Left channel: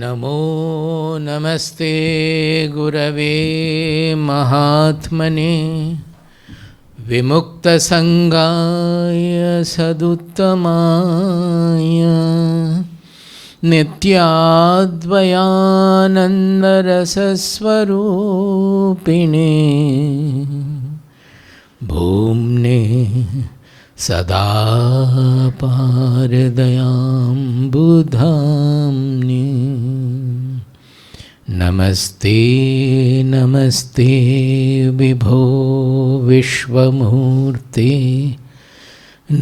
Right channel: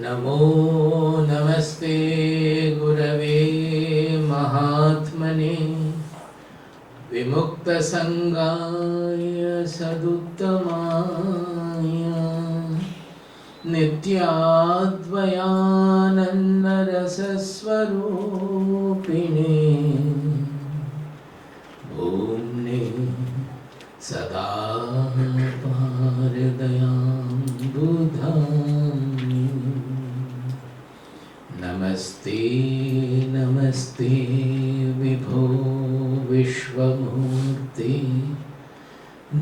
नमो नमस्ते गुरवे महात्मने विमुक्तसंगाय सदुत्तमाय नित्याद्वयानन्दरसस्वरूपिणे भूम्ने सदा पारदयाम्बुधाम्ने नमस्ते नमस्ते विभो विश्वमूर्ते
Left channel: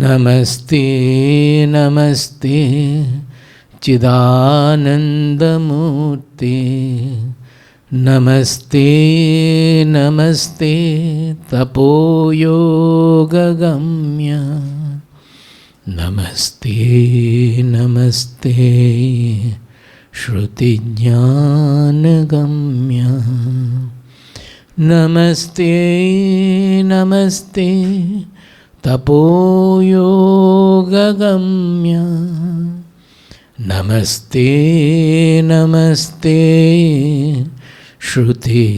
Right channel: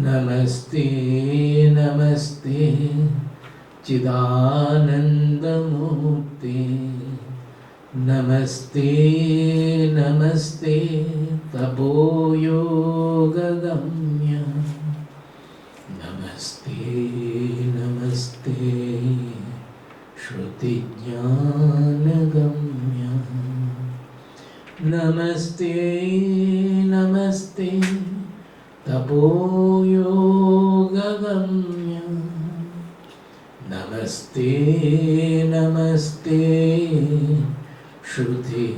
नमस्ते नमस्ते चिदानन्दमूर्ते नमस्ते नमस्ते तपोयोगगम्य नमस्ते नमस्ते श्रुतिज्ञानगम्य नमस्ते नमस्ते तपोयोगगम्य नमस्ते नमस्ते श्रुतिज्ञानगम्य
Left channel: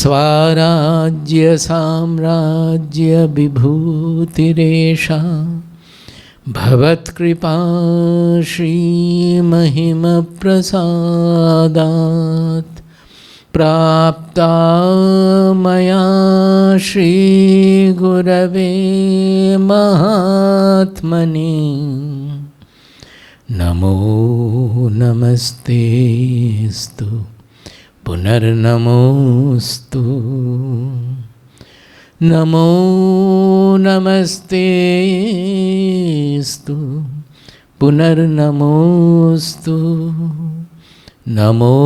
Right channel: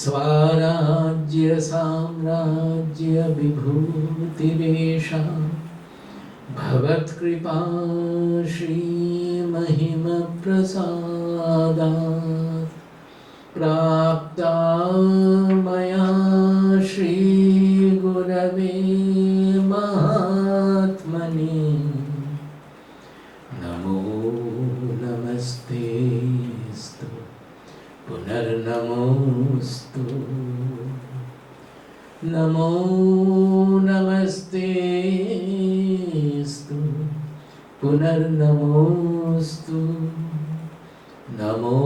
स्वराज्य साम्राज्य विभूतिरेषा भवत्कृपा श्रीमहिमप्रसादात् प्राप्ता मया श्रीगुरवे महात्मने नमो नमस्तेस्तु पुनर्नमोस्तु नमो नमस्तेस्तु पुनर्नमोस्तु नमो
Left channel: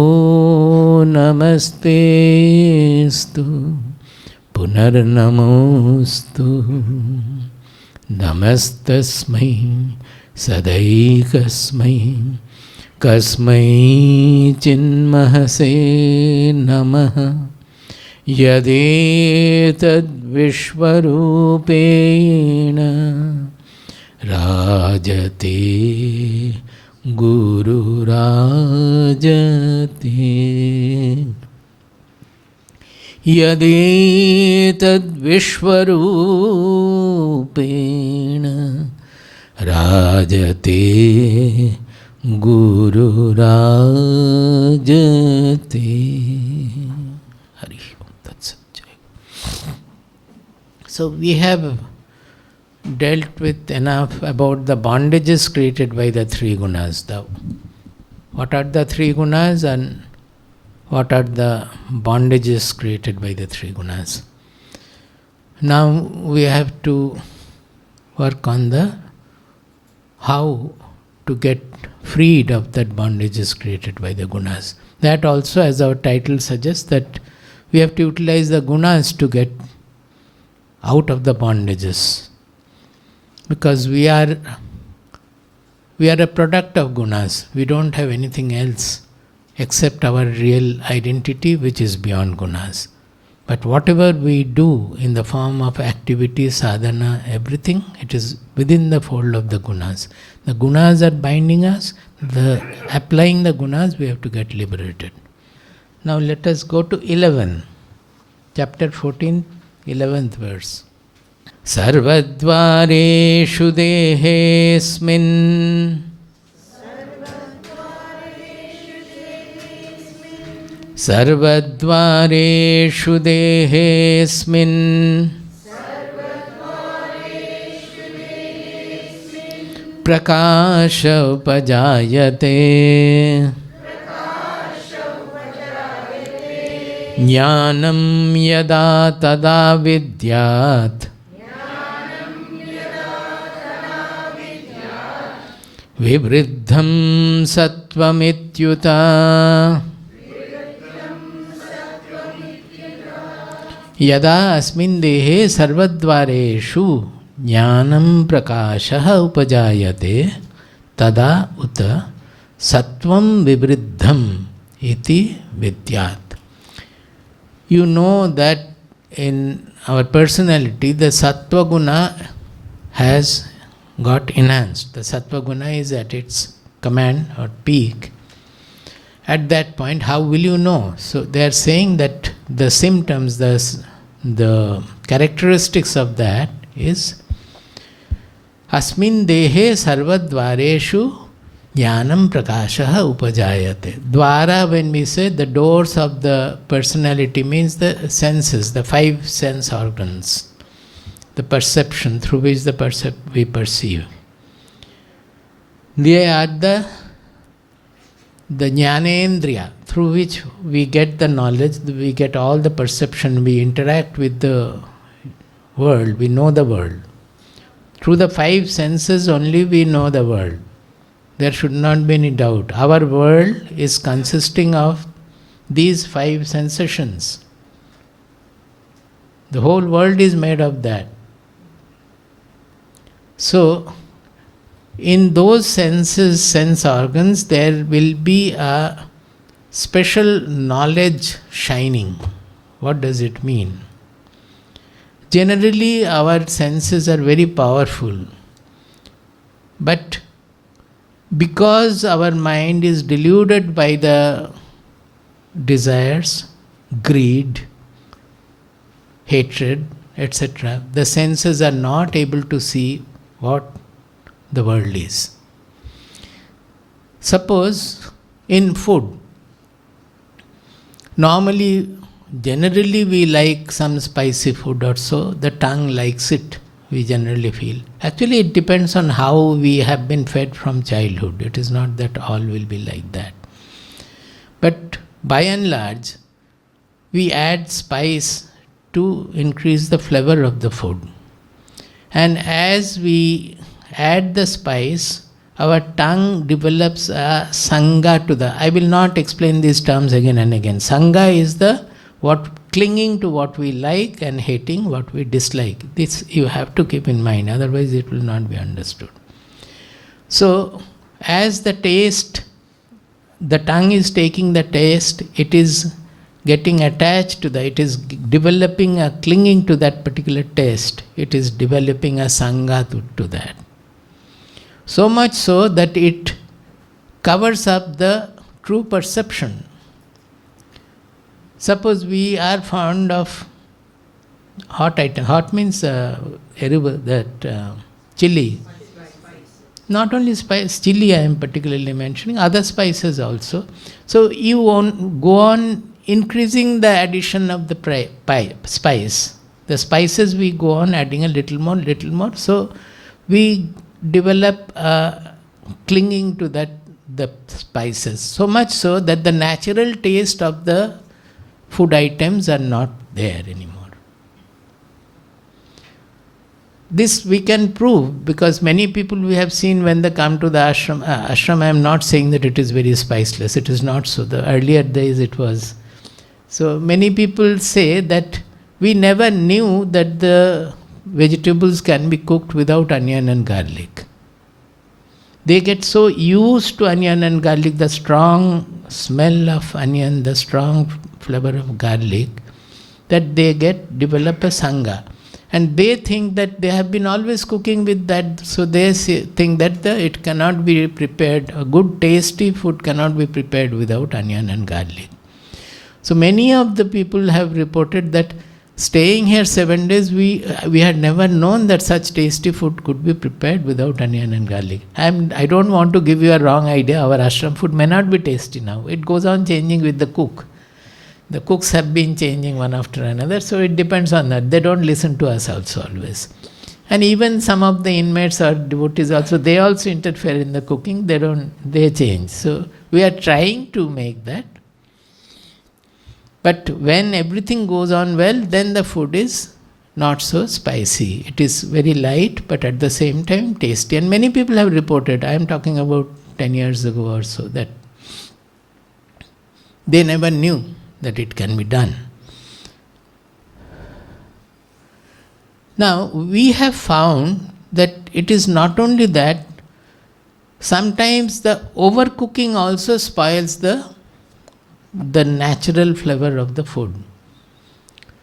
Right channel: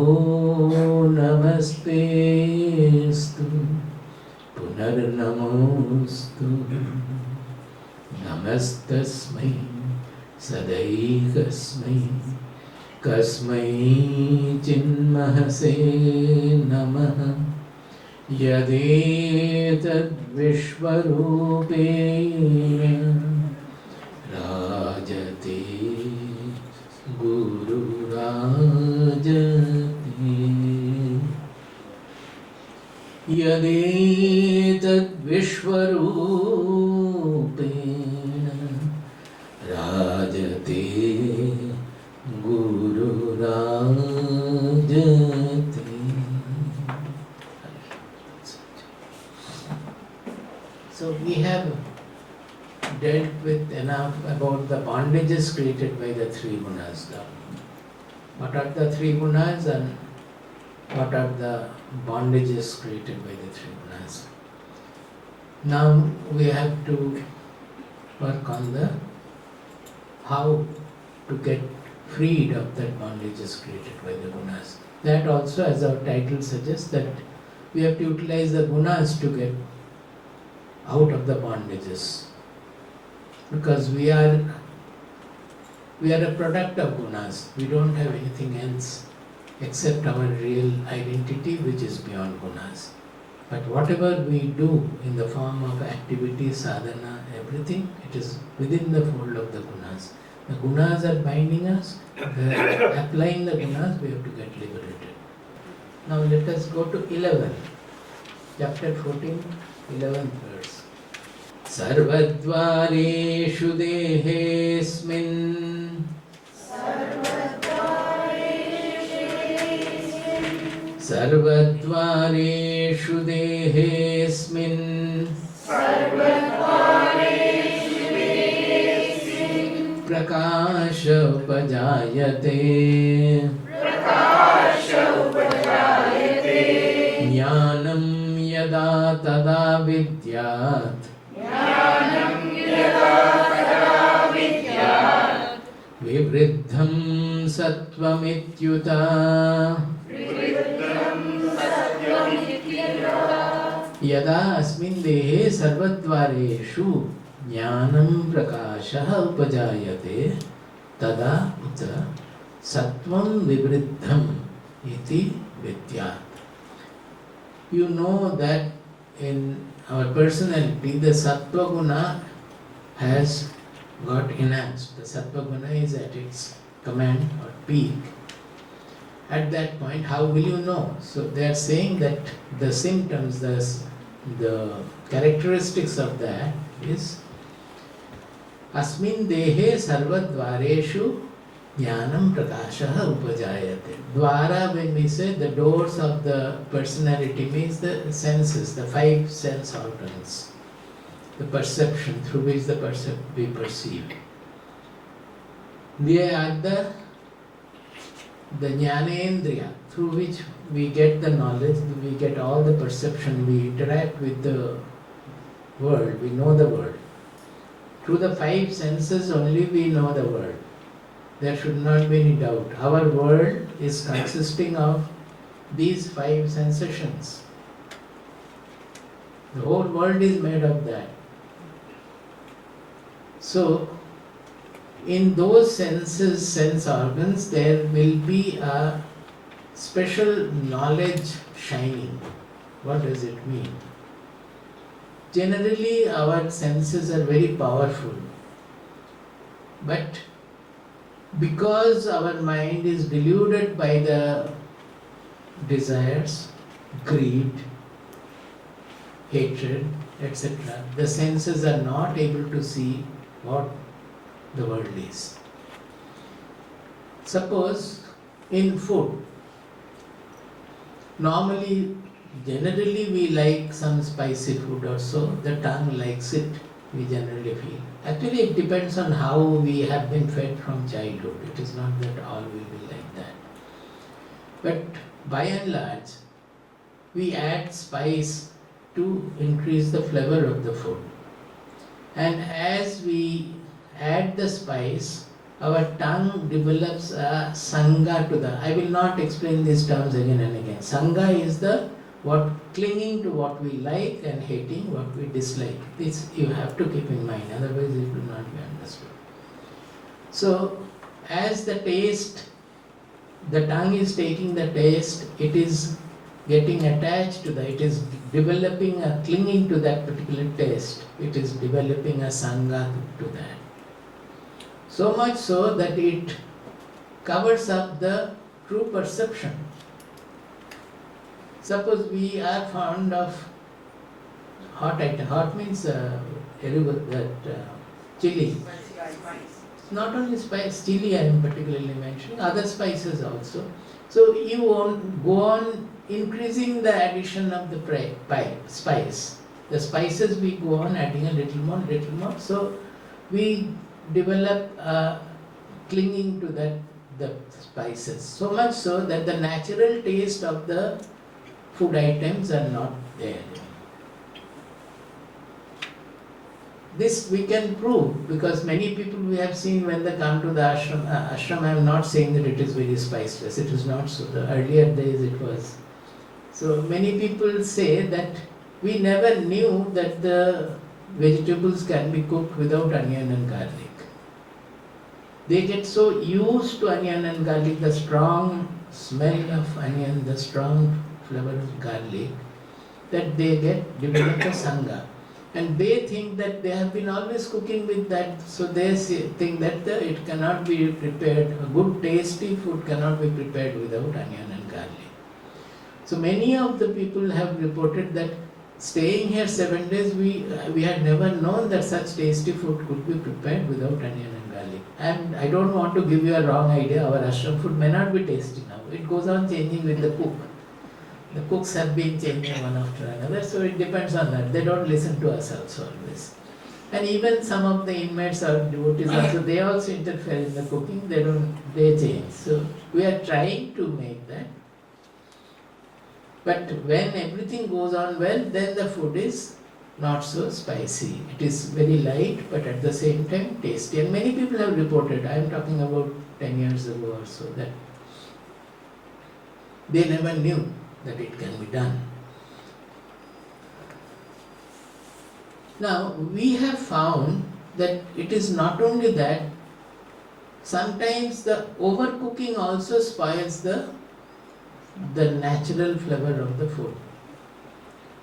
नमस्तेस्तु पुनर्नमोस्तु नमस्तस्मै सदैकस्मै कस्मै चिन्महसे नमः यदेतद्विश्वरूपेण राजते गुरुराजते यदेतद्विश्वरूपेण राजते गुरुराजते. Hari Tatsat. So we have dealt with enough about the bondages created by the three gunas. What are the three gunas and what are the bondages created by the three gunas? Now we have to work on the how to get freed of that bondages created by the gunas. That also, as our title suggests, that we have to utilize the gunas to get out of the bondages. Because we are a product of gunas. We don't have anything else except our real identity, which is beyond gunas. But whatever we do in the form of activity, sadhana, everything, it is within the fold of the gunas. The gunas are binding us. Applying the gunas, we have to get liberated. Now let us go to 11. Chapter 14, 11th verse. Sarvadvareshu dehesmin Sarvadvareshu dehesmin Prakasha upajayate Jnanam yada tada vidyat Vivriddham sattvamityuta Yada asmin dehe sarvadvareshu Jnanam prakasha upajayate tada uta sattvam vivriddham iti vidyat. You know that in our personality the Sattva Guna has got enhanced. The Sattva Guna is at its command or peak. At that point, how will you know? So they are saying that the symptoms, the characteristics of that is Asmin dehe sarvadvareshu jnanam prakashaha upajayate. Dwara, when we say the doors of the personality, means the senses, the 5 sense organs, the perception through which we perceive. They are the jnanendriya, through which we get the knowledge, we get all the perception, we interact with the world, we know the world. Through the 5 senses only we know the world. There should not be any doubt. Our world is consisting of these 5 sensations. The whole world is made of that. So, in those senses, sense organs, there will be a special knowledge shining. What does it mean? Generally, our senses are very powerful. But because our mind is deluded by the desires, greed, hatred, etc., the senses are not able to see what the world is. Suppose in food, generally we like some spicy food or so, the tongue likes it, we generally feel. Actually it depends on how we have been fed from childhood. It is not that all will be like that. But by and large, we add spice to increase the flavor of the food. And as we add the spice, our tongue develops a sangha to the... I will not explain these terms again and again. Sangha is clinging to what we like and hating what we dislike. This you have to keep in mind, otherwise it will not be understood. So, as the tongue is taking the taste, it is getting attached to it is developing a clinging to that particular taste. It is developing a sangha to that. So much so that it covers up the true perception. Suppose we are fond of hot item. Hot means chili. Not only spice, chili I am particularly mentioning, other spices also. So you go on increasing the addition of the spice. The spices we go on adding a little more. So we develop clinging to the spices. So much so that the natural taste of the food items are not there anymore. This we can prove because many people we have seen when they come to the ashram. Ashram, I am not saying that it is very spiceless. It is not so. The earlier days it was. So many people say that we never knew that the vegetables can be cooked without onion and garlic. They get so used to onion and garlic, the strong smell of onion, the strong flavor of garlic, that they develop a sangha. And they think that they have been always cooking with that, so they think that it cannot be prepared, a good tasty food cannot be prepared without onion and garlic. So many of the people have reported that staying here 7 days, we had never known that such tasty food could be prepared without onion and garlic. I don't want to give you a wrong idea. Our ashram food may not be tasty now. It goes on changing with the cook. The cooks have been changing one after another, so it depends on that. They don't listen to us also always. And even some of the inmates or devotees also, they also interfere in the cooking. They change. So we are trying to make that. But when everything goes on well, then the food is not so spicy. It is very light, but at the same time tasty. And many people have reported, I am talking about 10 years ago or so, that they never knew that it can be done. Now, we have found that it is not only that, sometimes the overcooking also spoils the natural flavor of the food.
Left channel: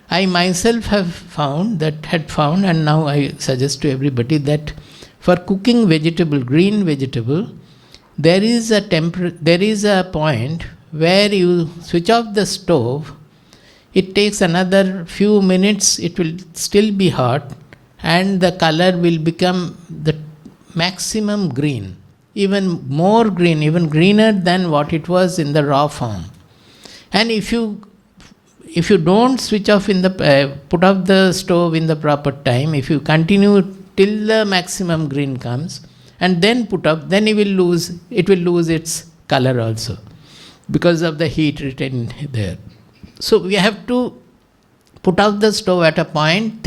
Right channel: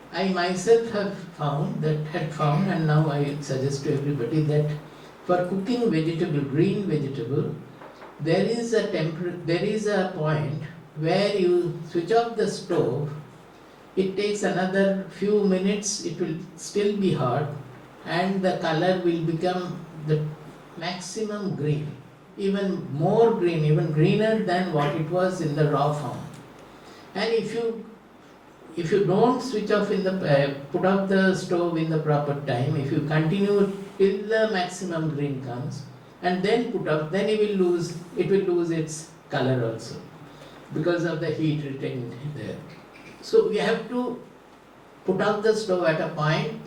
I myself had found, and now I suggest to everybody that For cooking vegetable, green vegetable, there is a point where you switch off the stove. It takes another few minutes, it will still be hot, and the color will become the maximum green, even more green, even greener than what it was in the raw form. And if you don't switch off put off the stove in the proper time, if you continue till the maximum green comes and then put up, then it will lose its color also because of the heat retained there. So we have to put out the stove at a point,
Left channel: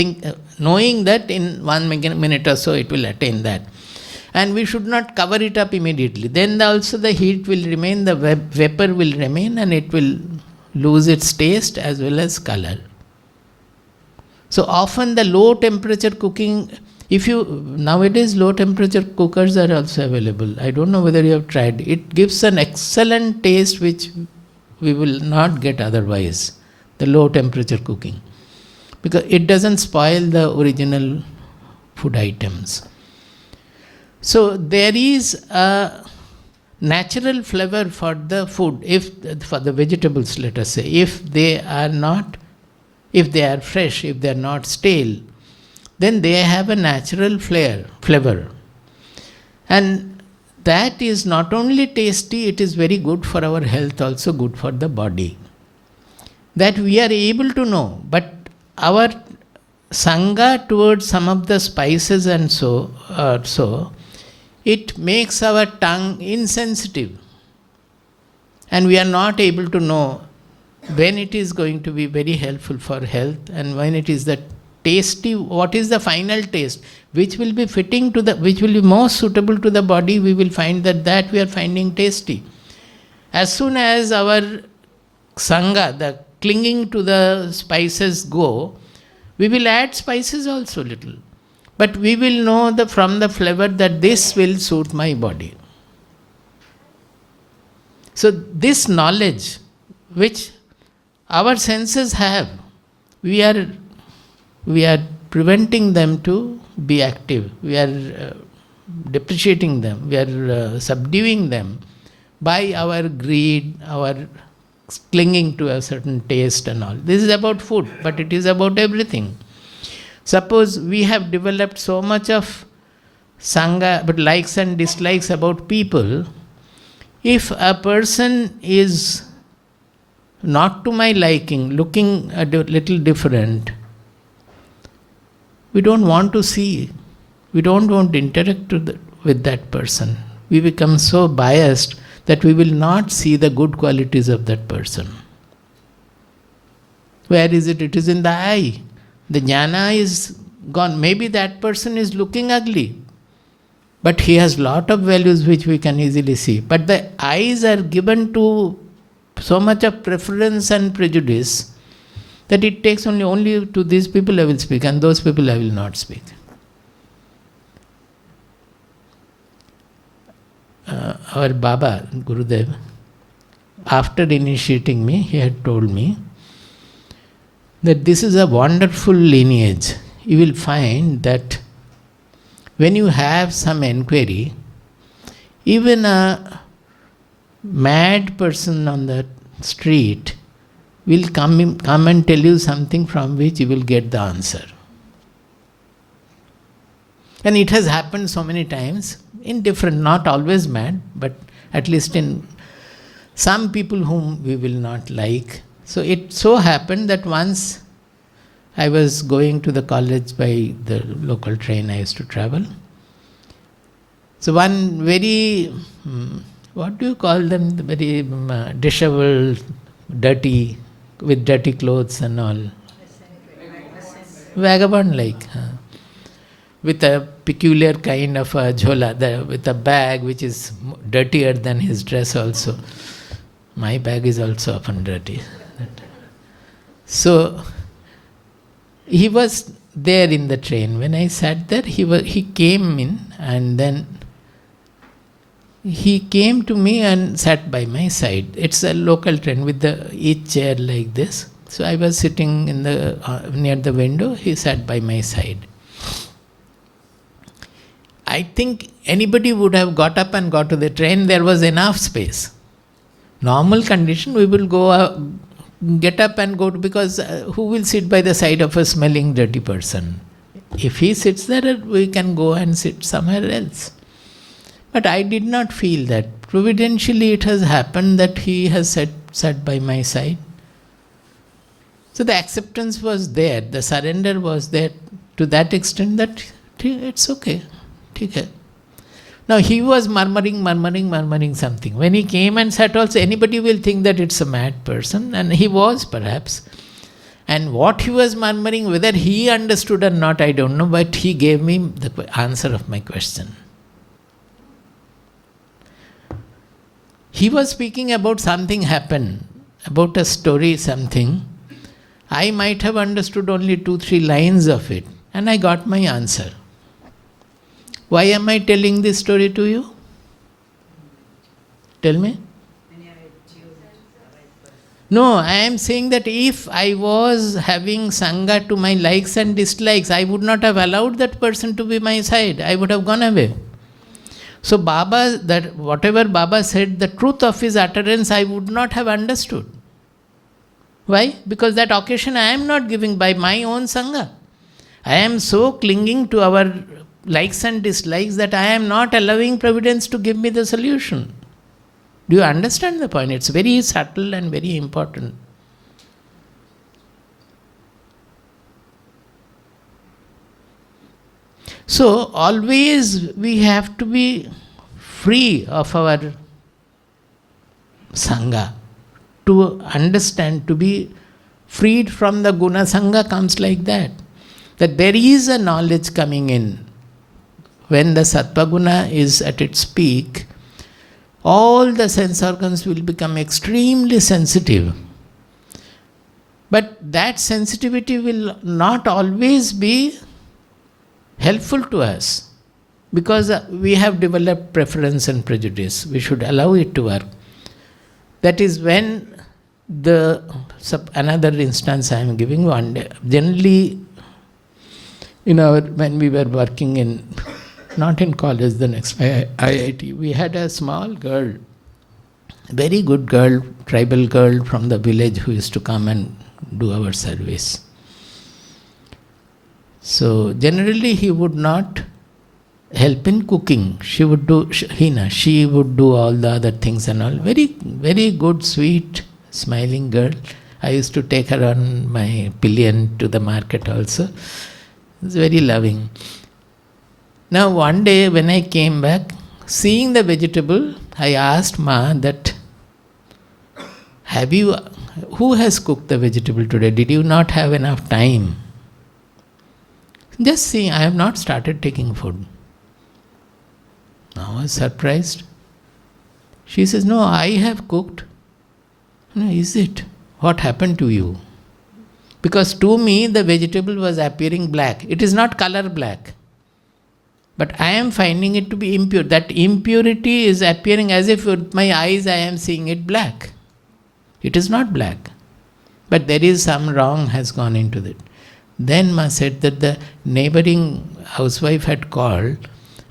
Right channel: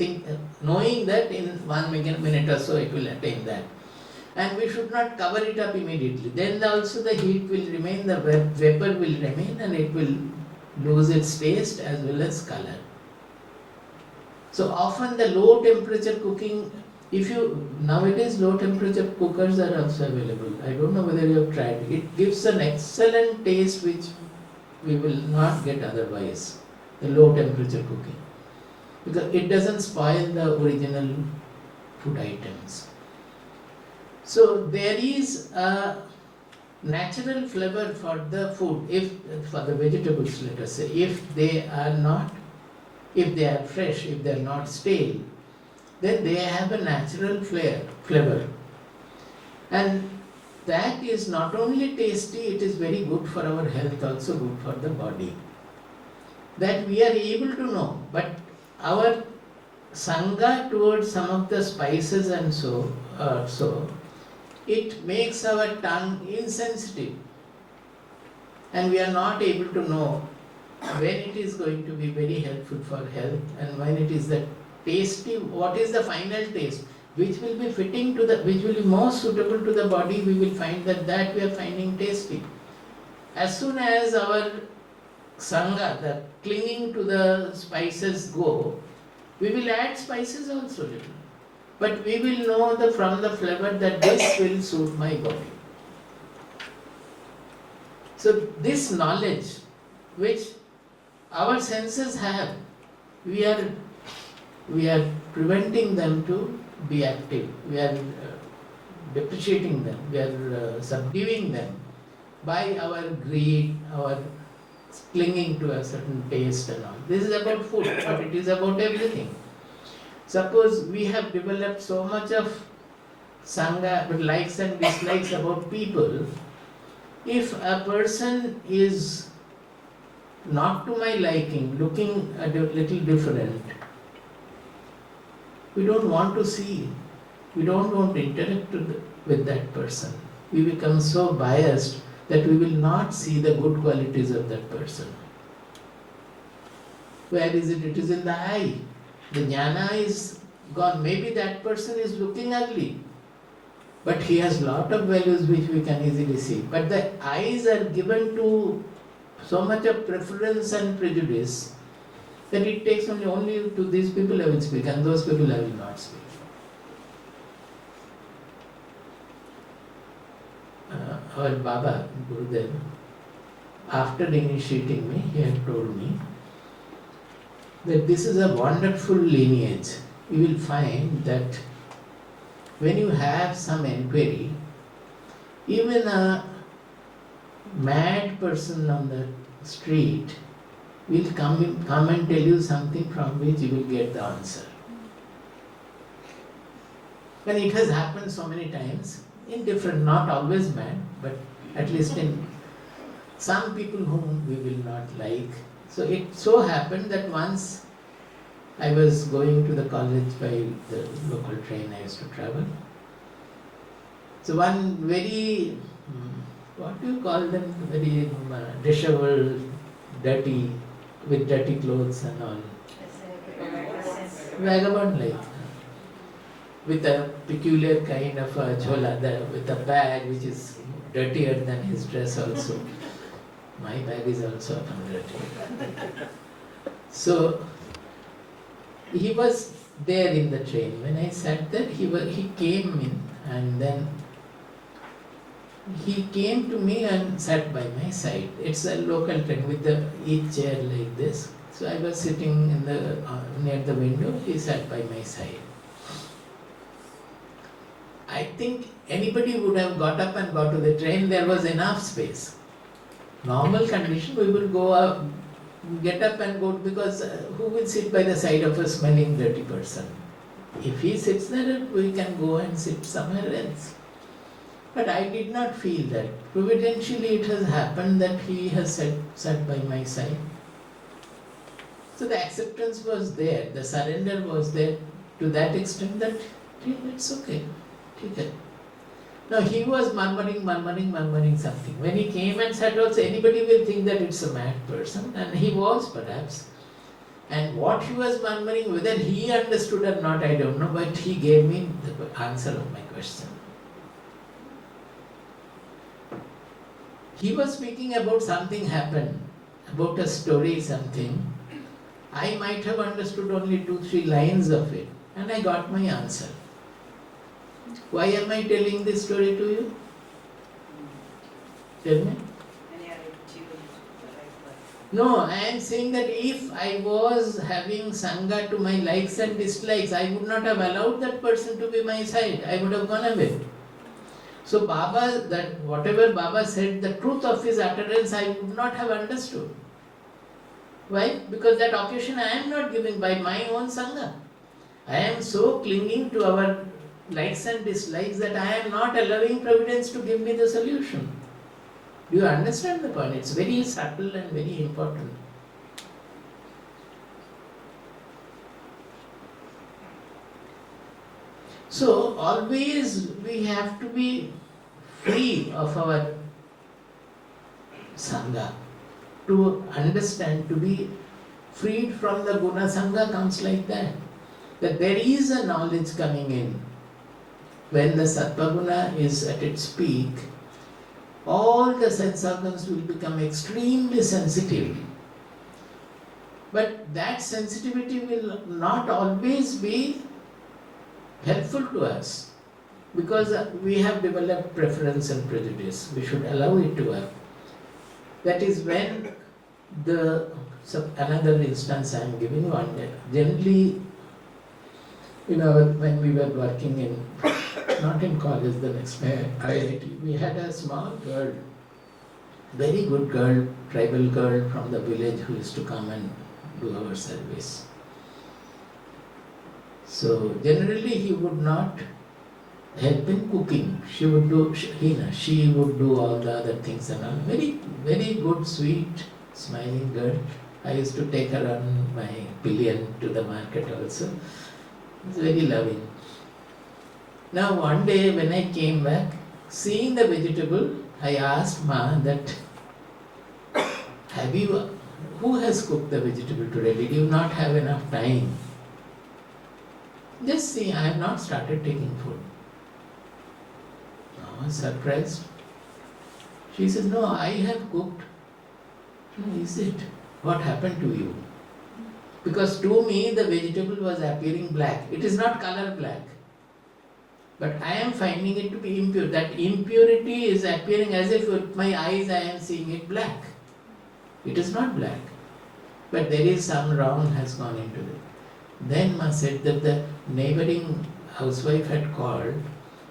knowing that in 1 minute or so it will attain that. And we should not cover it up immediately. Then also the heat will remain, the vapor will remain, and it will lose its taste as well as color. So often the low temperature cooking, nowadays low temperature cookers are also available. I don't know whether you have tried. It gives an excellent taste which we will not get otherwise, the low temperature cooking, because it doesn't spoil the original food items. So there is a natural flavor for the food, for the vegetables, let us say, if they are fresh, if they are not stale, then they have a natural flavor. And that is not only tasty, it is very good for our health, also good for the body. That we are able to know, but our sangha towards some of the spices and so, it makes our tongue insensitive. And we are not able to know when it is going to be very helpful for health and when it is the tasty, what is the final taste, which will be which will be most suitable to the body. We will find that we are finding tasty. As soon as our sangha, the clinging to the spices go, we will add spices also little. But we will know from the flavor that this will suit my body. So this knowledge which our senses have, we are preventing them to be active. We are depreciating them. We are subduing them by our greed, our clinging to a certain taste and all. This is about food, but it is about everything. Suppose we have developed so much of sangha, but likes and dislikes about people. If a person is not to my liking, looking a little different, we don't want to see, we don't want to interact with that person. We become so biased that we will not see the good qualities of that person. Where is it? It is in the eye. The jnana is gone. Maybe that person is looking ugly, but he has lot of values which we can easily see. But the eyes are given to so much of preference and prejudice that it takes only to these people I will speak, and those people I will not speak. Our Baba, Gurudev, after initiating me, he had told me that this is a wonderful lineage. You will find that when you have some enquiry, even a mad person on the street will come and tell you something from which you will get the answer. And it has happened so many times in different, not always mad, but at least in some people whom we will not like. So it so happened that once I was going to the college by the local train I used to travel. So one very, what do you call them, very disheveled, dirty, with dirty clothes and all. Vagabond like. With a peculiar kind of a jhola, with a bag which is dirtier than his dress also. My bag is also often dirty. So he was there in the train. When I sat there, he came in, and then he came to me and sat by my side. It's a local train with each chair like this. So I was sitting in near the window. He sat by my side. I think anybody would have got up and got to the train. There was enough space. Normal condition, we will go get up and go to, because who will sit by the side of a smelling dirty person? If he sits there, we can go and sit somewhere else. But I did not feel that. Providentially it has happened that he has sat by my side. So the acceptance was there, the surrender was there to that extent that it's okay. Okay. Now he was murmuring something. When he came and sat also, anybody will think that it's a mad person, and he was perhaps. And what he was murmuring, whether he understood or not, I don't know, but he gave me the answer of my question. He was speaking about something happened, about a story, something. I might have understood only 2-3 lines of it, and I got my answer. Why am I telling this story to you? Tell me. No, I am saying that if I was having Sangha to my likes and dislikes, I would not have allowed that person to be my side. I would have gone away. So Baba, that whatever Baba said, the truth of his utterance, I would not have understood. Why? Because that occasion I am not giving by my own Sangha. I am so clinging to our likes and dislikes that I am not allowing Providence to give me the solution. Do you understand the point? It's very subtle and very important. So always we have to be free of our Sangha. To understand, to be freed from the Guna Sangha comes like that. That there is a knowledge coming in. When the Sattva Guna is at its peak, all the sense organs will become extremely sensitive. But that sensitivity will not always be helpful to us, because we have developed preference and prejudice. We should allow it to work. That is when another instance I am giving one day. Generally, when we were working in, not in college, the next IIT, we had a small girl, very good girl, tribal girl from the village who used to come and do our service. So generally he would not help in cooking. She would do, she would do all the other things and all. Very, very good, sweet, smiling girl. I used to take her on my pillion to the market also. It's very loving. Now one day when I came back, seeing the vegetable, I asked Ma that, who has cooked the vegetable today? Did you not have enough time? Just see, I have not started taking food. Now I was surprised. She says, no, I have cooked. No, is it? What happened to you? Because to me the vegetable was appearing black. It is not color black. But I am finding it to be impure. That impurity is appearing as if with my eyes I am seeing it black. It is not black. But there is some wrong has gone into it. Then Ma said that the neighboring housewife had called.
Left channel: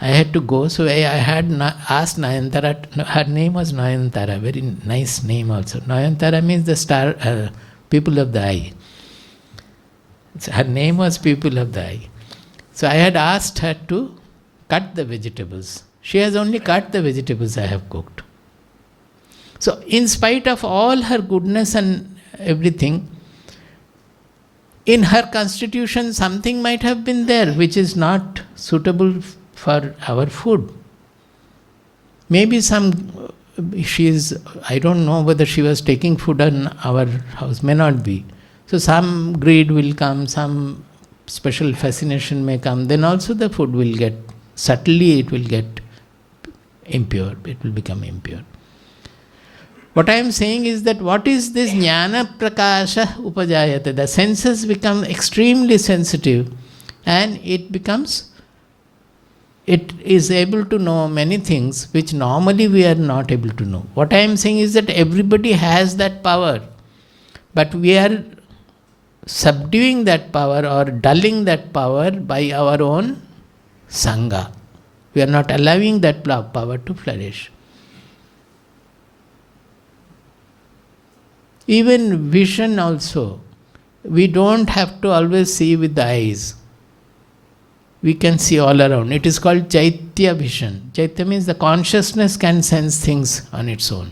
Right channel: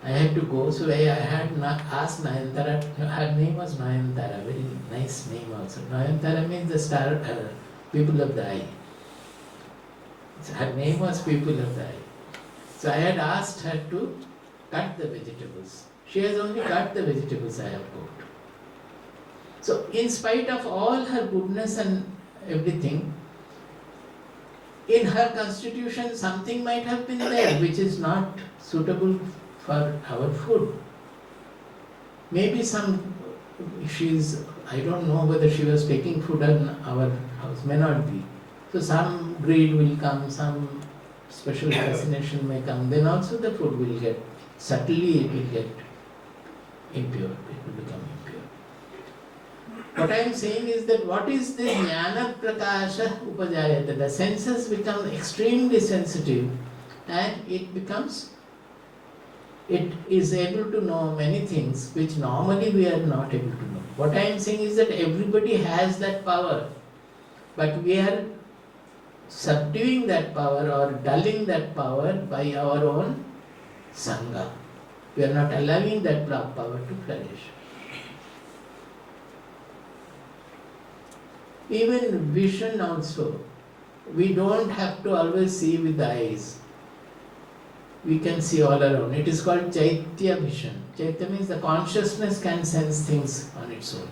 I had to go, so I had asked Nayantara. Her name was Nayantara, very nice name also. Nayantara means the star, people of the eye. Her name was people of the eye. So I had asked her to cut the vegetables. She has only cut the vegetables I have cooked. So in spite of all her goodness and everything, in her constitution something might have been there which is not suitable for our food. Maybe I don't know whether she was taking food in our house, may not be. So some greed will come, some special fascination may come, then also the food will get, subtly it will get impure, it will become impure. What I am saying is that what is this jnana prakasha upajayate? The senses become extremely sensitive and it is able to know many things which normally we are not able to know. What I am saying is that everybody has that power, but we are subduing that power or dulling that power by our own sangha. We are not allowing that power to flourish. Even vision also, we don't have to always see with the eyes. We can see all around. It is called Chaitya vision. Chaitya means the consciousness can sense things on its own.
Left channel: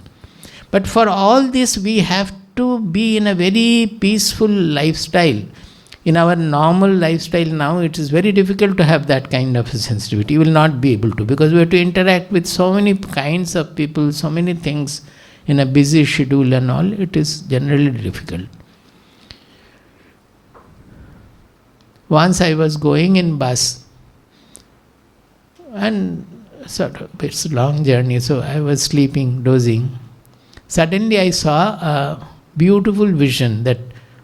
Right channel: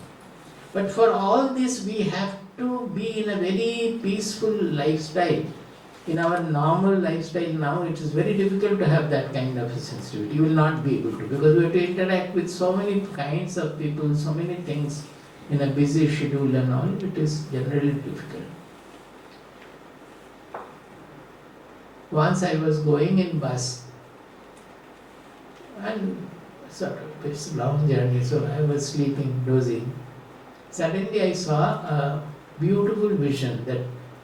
But for all this, we have to be in a very peaceful lifestyle. In our normal lifestyle now, it is very difficult to have that kind of a sensitivity. You will not be able to, because we have to interact with so many kinds of people, so many things in a busy schedule and all. It is generally difficult. Once I was going in bus, and it's a long journey, so I was sleeping, dozing. Suddenly I saw a beautiful vision that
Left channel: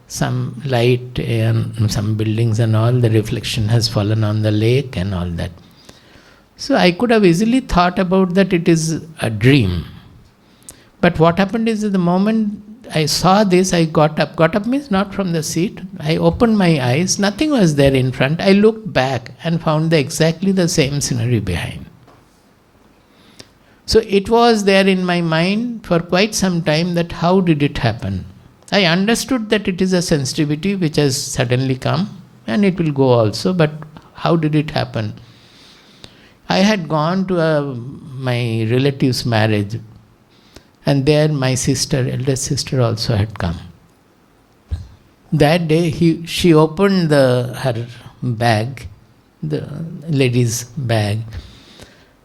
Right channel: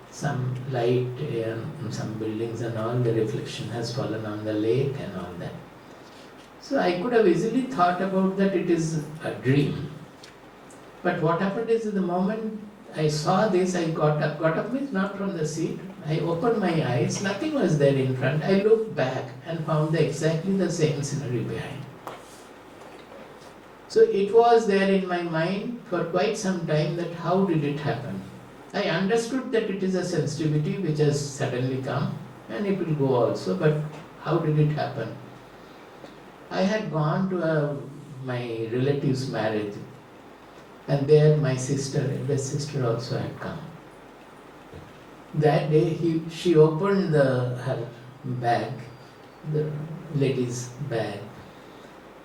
some light and some buildings and all, the reflection has fallen on the lake and all that. So I could have easily thought about that it is a dream. But what happened is, at the moment I saw this, I got up means not from the seat. I opened my eyes, nothing was there in front. I looked back and found exactly the same scenery behind. So it was there in my mind for quite some time that how did it happen? I understood that it is a sensitivity which has suddenly come and it will go also, but how did it happen? I had gone to my relative's marriage, and there my eldest sister also had come. That day she opened her bag, the lady's bag,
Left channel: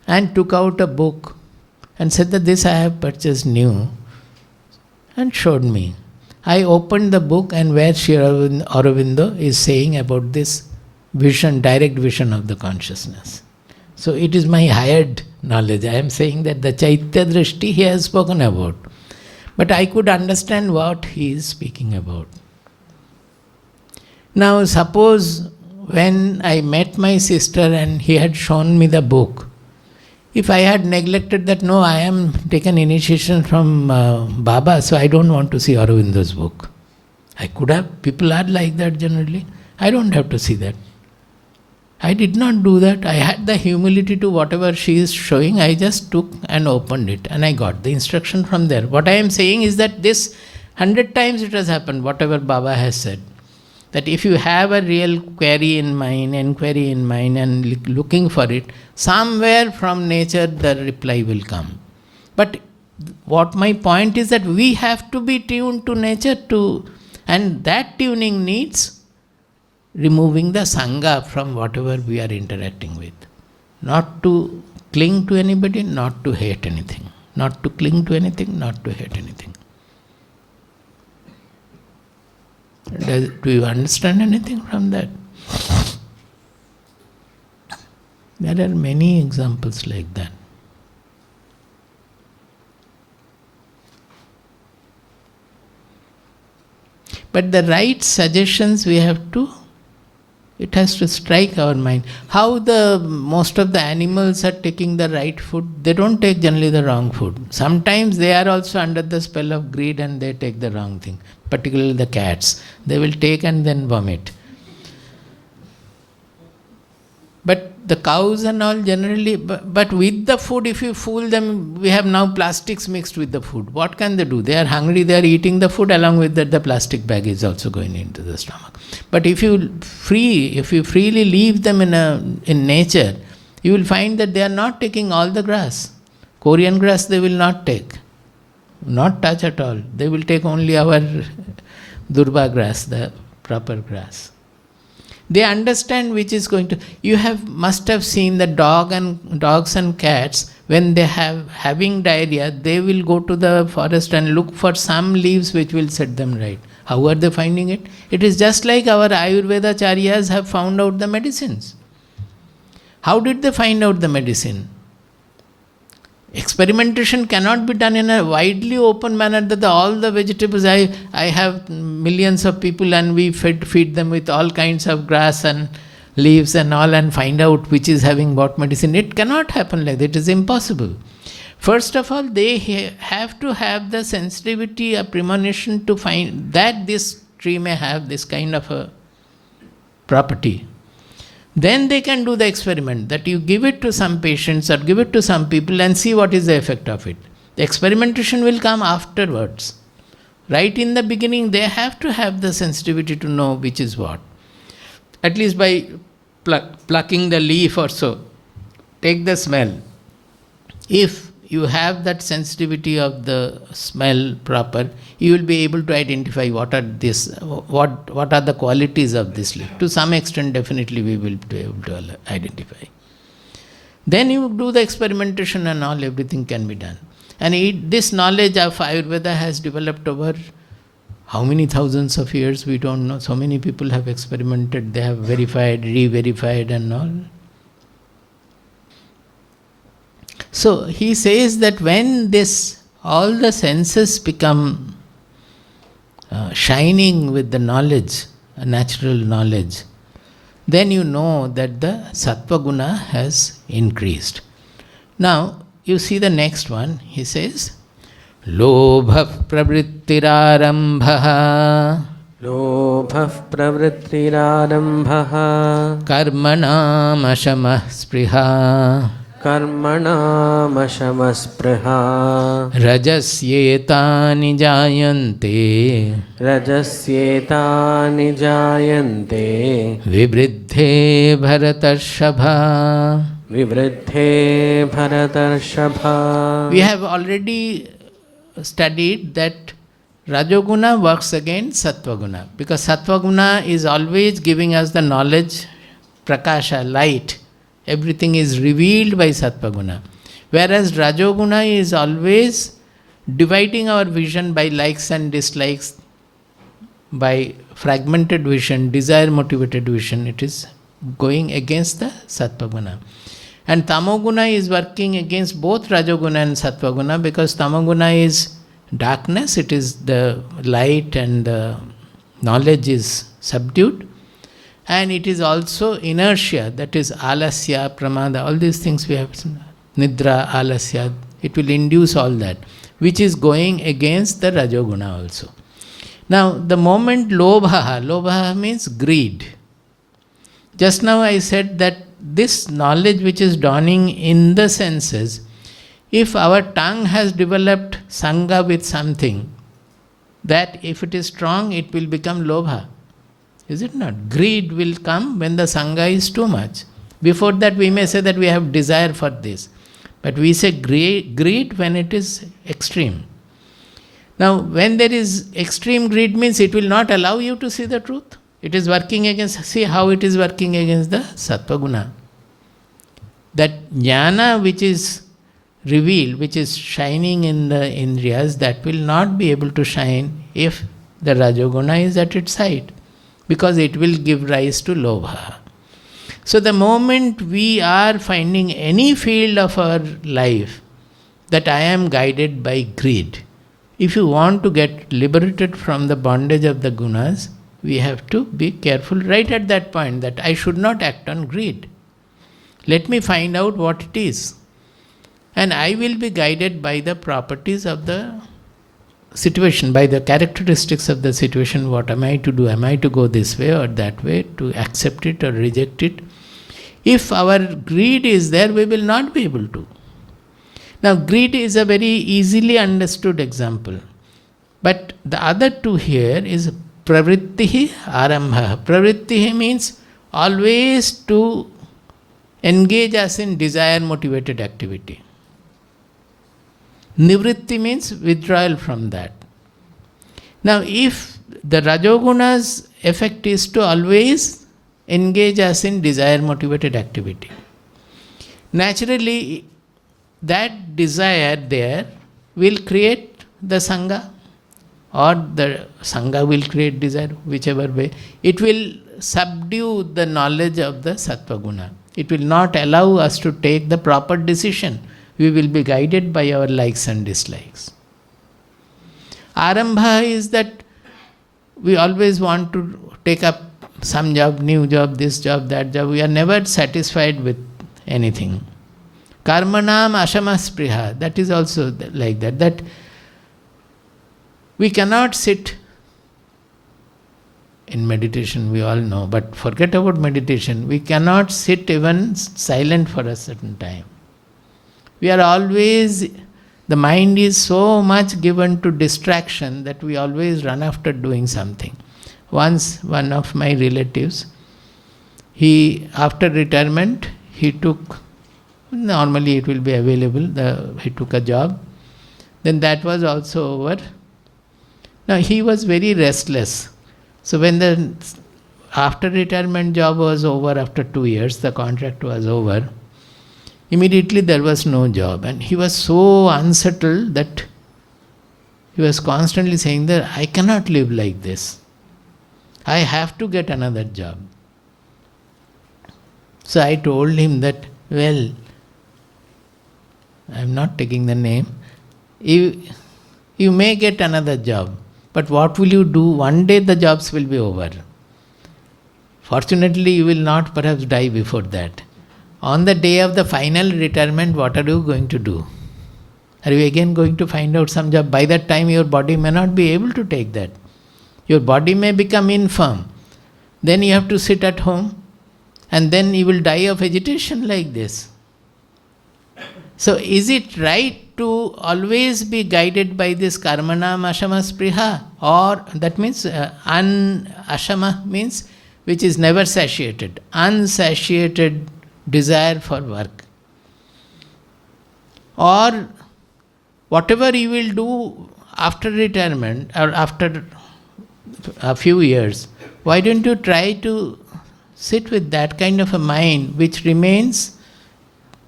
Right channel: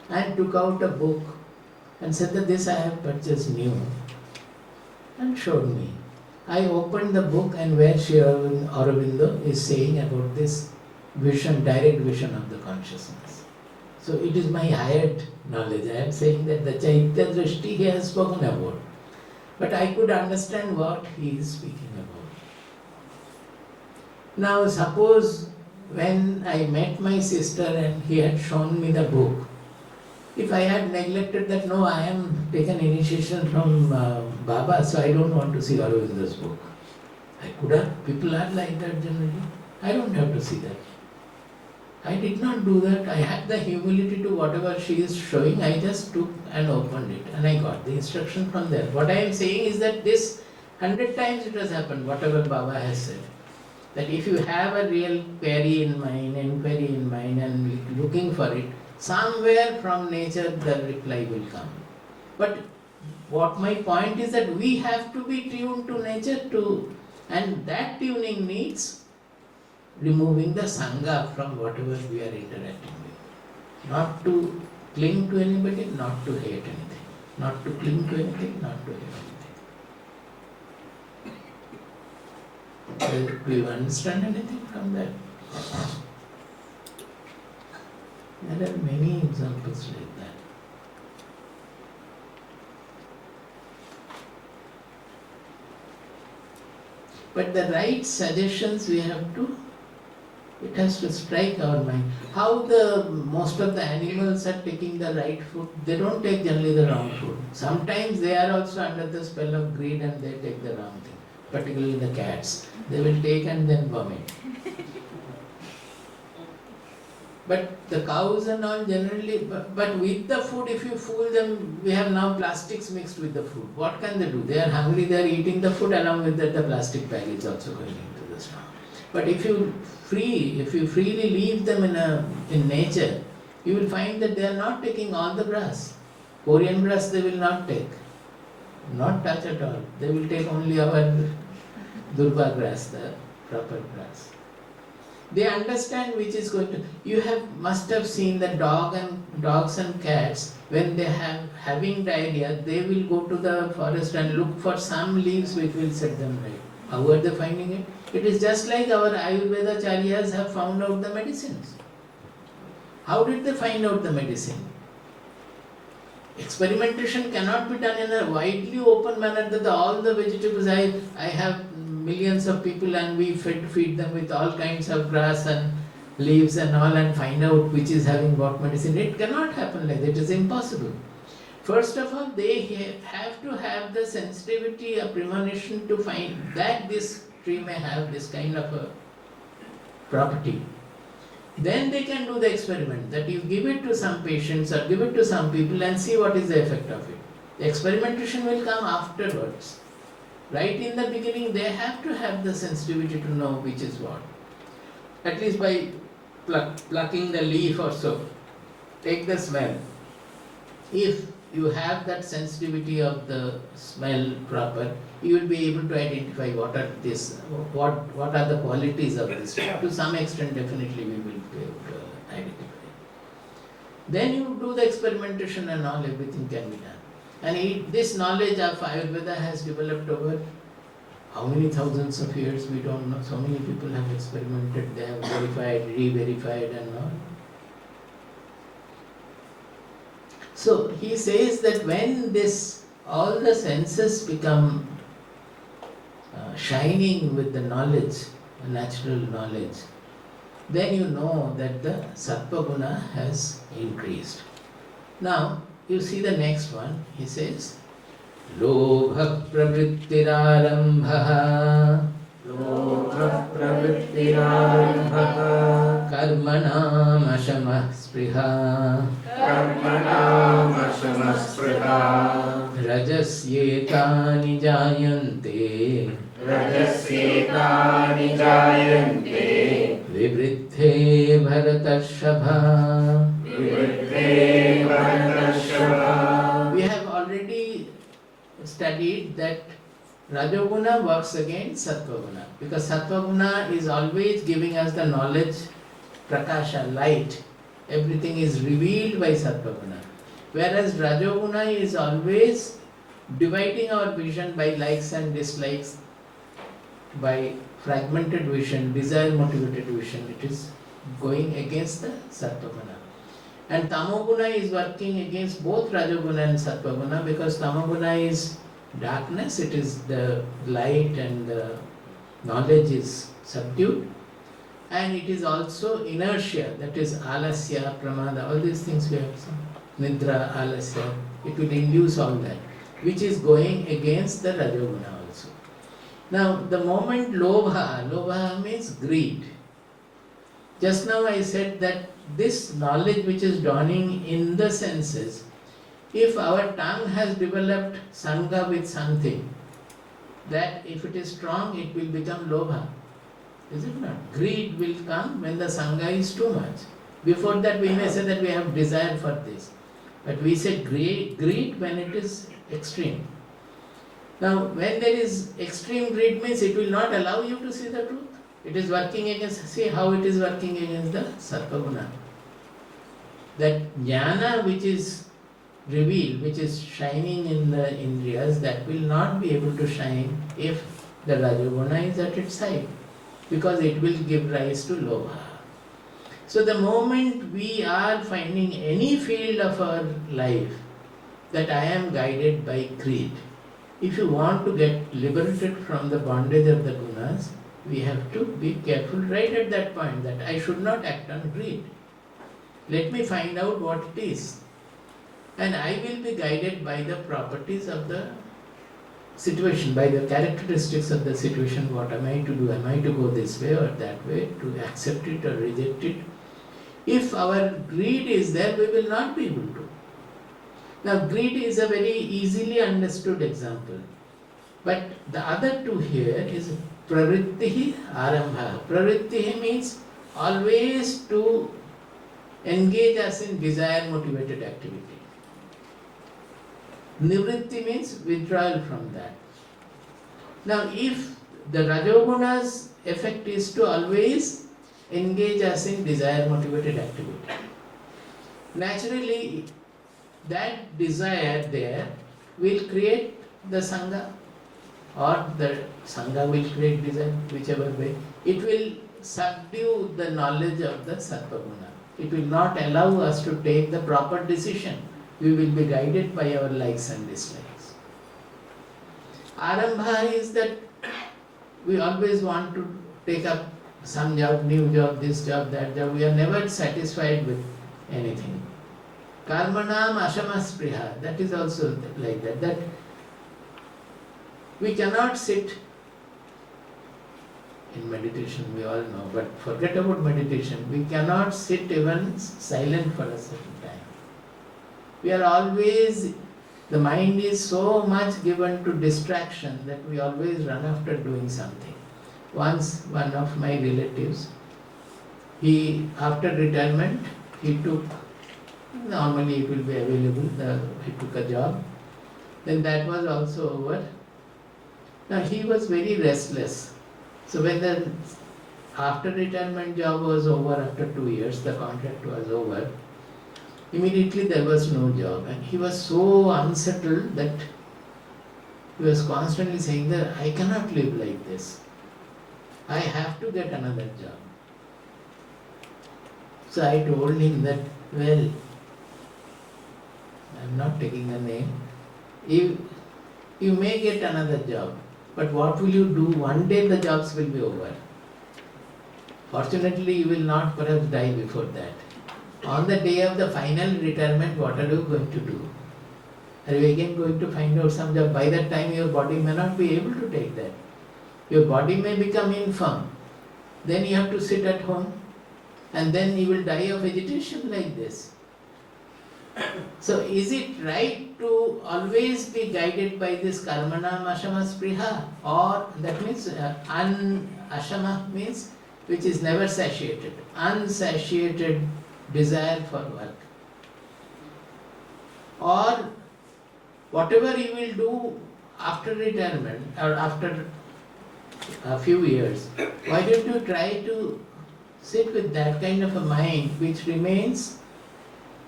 and took out a book and said that this I have purchased new, and showed me. I opened the book, and where Sri Aurobindo is saying about this vision, direct vision of the consciousness. So it is my hired knowledge. I am saying that the Chaitya Drishti he has spoken about. But I could understand what he is speaking about. Now suppose when I met my sister and he had shown me the book, if I had neglected that, no, I am taken initiation from Baba, so I don't want to see Aurobindo's book. I could have, people are like that generally. I don't have to see that. I did not do that. I had the humility to whatever she is showing, I just took and opened it and I got the instruction from there. What I am saying is that this 100 times it has happened, whatever Baba has said. That if you have a real inquiry in mind and looking for it, somewhere from nature the reply will come. But what my point is that we have to be tuned to nature too, and that tuning needs removing the sangha from whatever we are interacting with. Not to cling to anybody, not to hate anything. Not to cling to anything, not to hate anything. Do you understand anything from that? There are many examples like that. But the right suggestions we have to, it has to strike our mind. How most of the animals are taking the right food, they don't take generally the wrong food. Sometimes they are also under the spell of greed and they take the wrong thing. Particularly the cats. They will take and then vomit. But the cows and all generally, but with the food, if you fool them, we have now plastics mixed with the food. What can they do? They are hungry, they are eating the food, along with that the plastic bag is also going into the stomach. But if you freely leave them in nature, you will find that they are not taking all the grass. Korean grass they will not take. Not touch at all. They will take only our Durba grass, the proper grass. They understand which is going to. You must have seen the dogs and cats, when they having diarrhea, they will go to the forest and look for some leaves which will set them right. How are they finding it? It is just like our Ayurveda Charyas have found out the medicines. How did they find out the medicine? Experimentation cannot be done in a widely open manner that all the vegetables, I have millions of people and we feed them with all kinds of grass and leaves and all and find out which is having what medicine. It cannot happen like that. It is impossible. First of all, they have to have the sensitivity, a premonition to find that this tree may have this kind of a property. Then they can do the experiment that you give it to some patients or give it to some people and see what is the effect of it. The experimentation will come afterwards. Right in the beginning, they have to have the sensitivity to know which is what. At least by plucking the leaf or so. Take the smell. If you have that sensitivity of the smell proper, you will be able to identify what are the qualities of this leaf. To some extent, definitely we will be able to identify. Then you do the experimentation and all, everything can be done. And this knowledge of Ayurveda has developed over how many thousands of years, we don't know. So many people have experimented, they have verified, re-verified and all. So he says that when all the senses become shining with the knowledge, natural knowledge, then you know that the Sattva Guna has increased. Now, you see the next one, he says, Lobha pravrittirarambha Lobha pravrittirarambha Karmanam ashamah spriha Karmanam ashamaspriha Rajasyetani jayante Rajasyetani jayante Vibridhe bharatashabha. Vibridhe bharatashabha. We have already studied that Rajoguna works against Sattvaguna, because Sattvaguna is always giving us the knowledge, prakasha, light. Everything is revealed by Sattvaguna. Whereas Rajoguna is always dividing our vision by likes and dislikes, by fragmented vision, desire motivated vision. It is going against the Sattvaguna. And Tamoguna is working against both Rajoguna and Sattvaguna, because Tamoguna is darkness, it is the light and the knowledge is subdued. And it is also inertia, that is alasya, pramada, all these things we have, nidra, alasya, it will induce all that, which is going against the Rajoguna also. Now, the moment lobha means greed. Just now I said that this knowledge which is dawning in the senses, if our tongue has developed sangha with something, that if it is strong, it will become lobha. Is it not? Greed will come when the sangha is too much. Before that we may say that we have desire for this. But we say greed when it is extreme. Now, when there is extreme greed means it will not allow you to see the truth. It is working against, see how it is working against the Sattvaguna. That jnana which is revealed, which is shining in the indriyas, that will not be able to shine if the Rajoguna is at its side, because it will give rise to lobha. So the moment we are finding any field of our life that I am guided by greed, if you want to get liberated from the bondage of the gunas, we have to be careful right at that point that I should not act on greed. Let me find out what it is. And I will be guided by the properties of the situation, by the characteristics of the situation. What am I to do? Am I to go this way or that way, to accept it or reject it? If our greed is there, we will not be able to. Now, greed is a very easily understood example. But the other two here is pravrittihi arambha. Pravrittihi means always to engage us in desire motivated activity. Nivritti means withdrawal from that. Now, if the Rajoguna's effect is to always engage us in desire motivated activity, naturally that desire there will create the Sangha, or the Sangha will create desire, whichever way. It will subdue the knowledge of the Sattva Guna. It will not allow us to take the proper decision. We will be guided by our likes and dislikes. Arambha is that we always want to take up some job, new job, this job, that job. We are never satisfied with anything. Karmanam ashamaspriha, that is also like that. That we cannot sit in meditation, we all know. But forget about meditation. We cannot sit even silent for a certain time. We are always, the mind is so much given to distraction that we always run after doing something. Once, one of my relatives, after retirement, he took, normally it will be available, he took a job. Then that was also over. Now he was very restless. So when the after retirement job was over, after 2 years, the contract was over, immediately there was no job. And he was so unsettled that he was constantly saying that I cannot live like this. I have to get another job. So I told him that, well, I am not taking the name, you may get another job, but what will you do? One day the jobs will be over. Fortunately, you will not perhaps die before that. On the day of the final retirement, what are you going to do? Are you again going to find out some job? By that time, your body may not be able to take that. Your body may become infirm. Then you have to sit at home, and then you will die of agitation like this. So is it right to always be guided by this karmanam ashama spriha? Or that means ashama means which is never satiated, unsatiated desire for work. Or whatever you will do after retirement or after a few years, why don't you try to sit with that kind of a mind which remains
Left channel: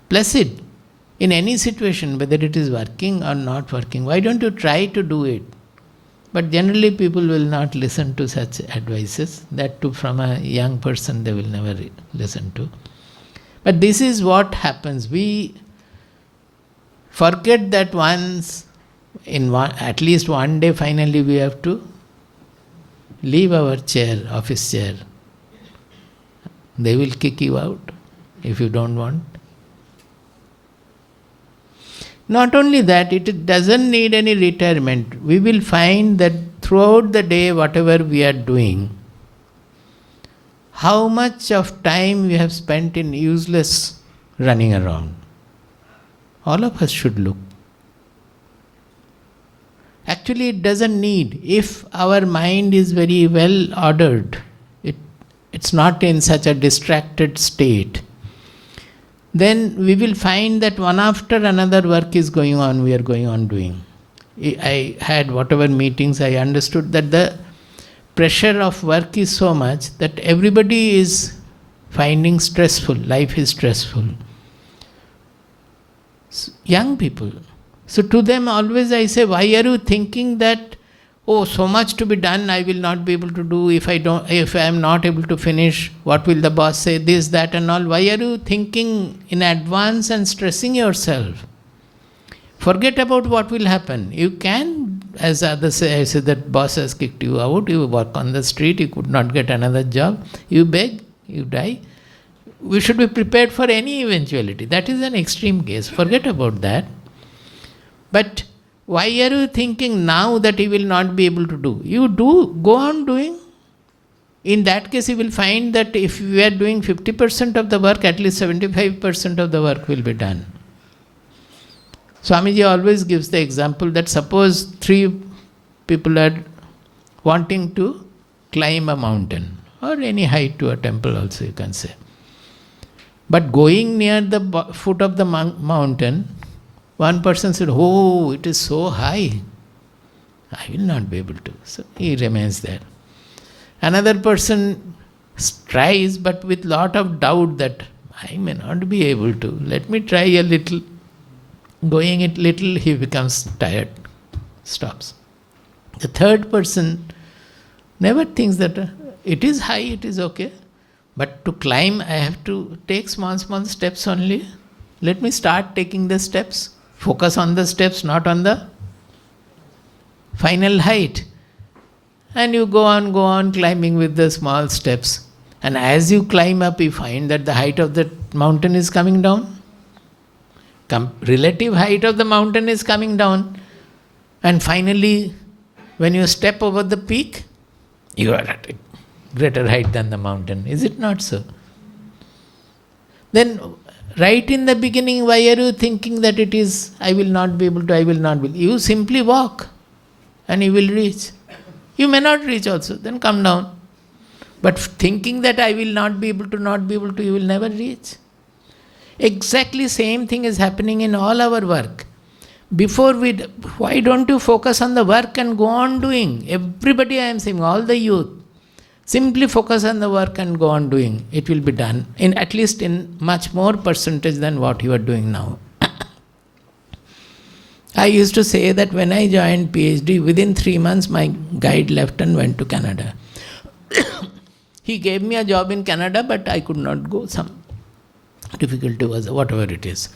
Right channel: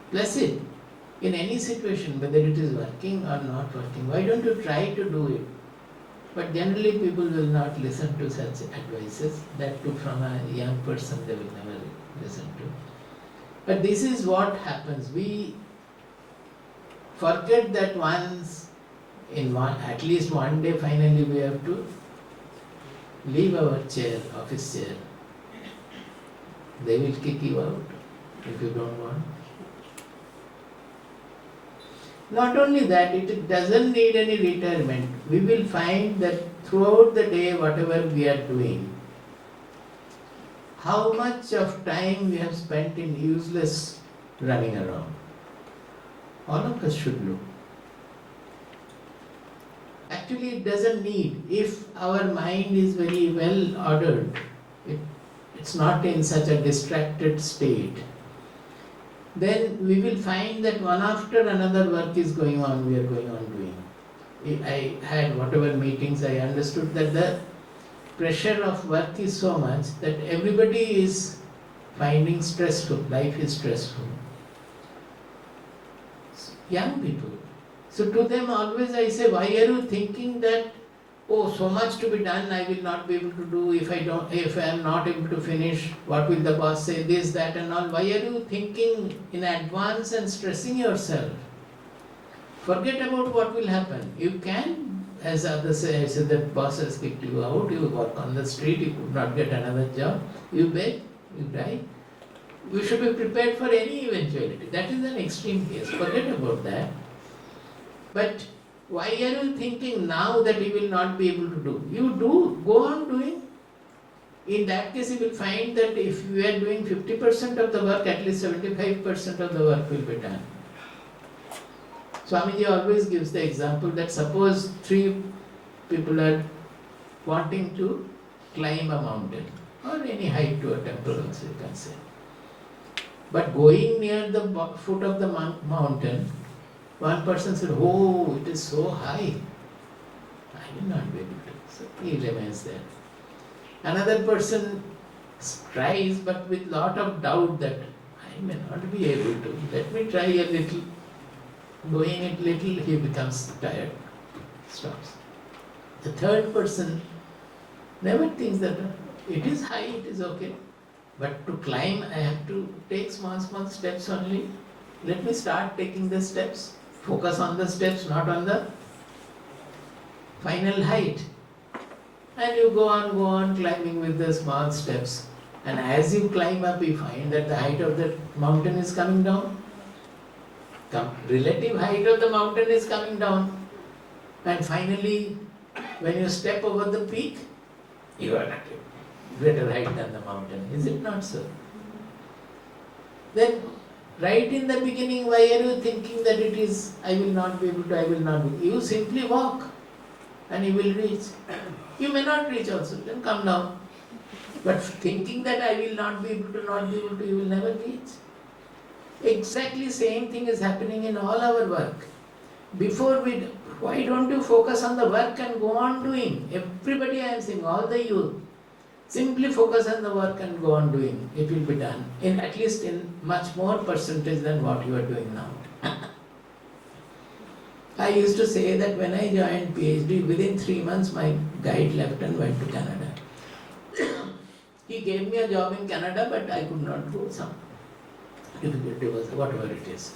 placid in any situation, whether it is working or not working? Why don't you try to do it? But generally people will not listen to such advices. That too from a young person they will never listen to. But this is what happens. We forget that at least one day finally we have to leave our chair, office chair. They will kick you out if you don't want. Not only that, it doesn't need any retirement. We will find that throughout the day, whatever we are doing, how much of time we have spent in useless running around. All of us should look. Actually, it doesn't need. If our mind is very well ordered, it's not in such a distracted state, then we will find that one after another work is going on, we are going on doing. I had whatever meetings, I understood that the pressure of work is so much that everybody is finding stressful, life is stressful. Young people. So to them always I say, why are you thinking that, oh, so much to be done, I will not be able to do, if I am not able to finish, what will the boss say, this, that and all. Why are you thinking in advance and stressing yourself? Forget about what will happen. You can, as others say, I say that boss has kicked you out, you work on the street, you could not get another job, you beg, you die. We should be prepared for any eventuality. That is an extreme case. Forget about that. But why are you thinking now that you will not be able to do? You do, go on doing. In that case, you will find that if we are doing 50% of the work, at least 75% of the work will be done. Swamiji always gives the example that suppose 3 people are wanting to climb a mountain, or any height to a temple also you can say. But going near the foot of the mountain, one person said, oh, it is so high, I will not be able to. So he remains there. Another person tries, but with lot of doubt that I may not be able to. Let me try a little. Going it little, he becomes tired, stops. The third person never thinks that it is high, it is okay. But to climb, I have to take small steps only. Let me start taking the steps. Focus on the steps, not on the final height. And you go on climbing with the small steps. And as you climb up, you find that the height of the mountain is coming down. Relative height of the mountain is coming down. And finally, when you step over the peak, you are at it. greater height than the mountain. Is it not so? Then, right in the beginning, why are you thinking that it is, I will not be able to, I will not be? You simply walk and you will reach. You may not reach also, then come down. But thinking that I will not be able to, you will never reach. Exactly same thing is happening in all our work. Why don't you focus on the work and go on doing? Everybody I am saying, all the youth, simply focus on the work and go on doing. It will be done, at least in much more percentage than what you are doing now. I used to say that when I joined PhD, within 3 months my guide left and went to Canada. He gave me a job in Canada, but I could not go. Some difficulty was, whatever it is.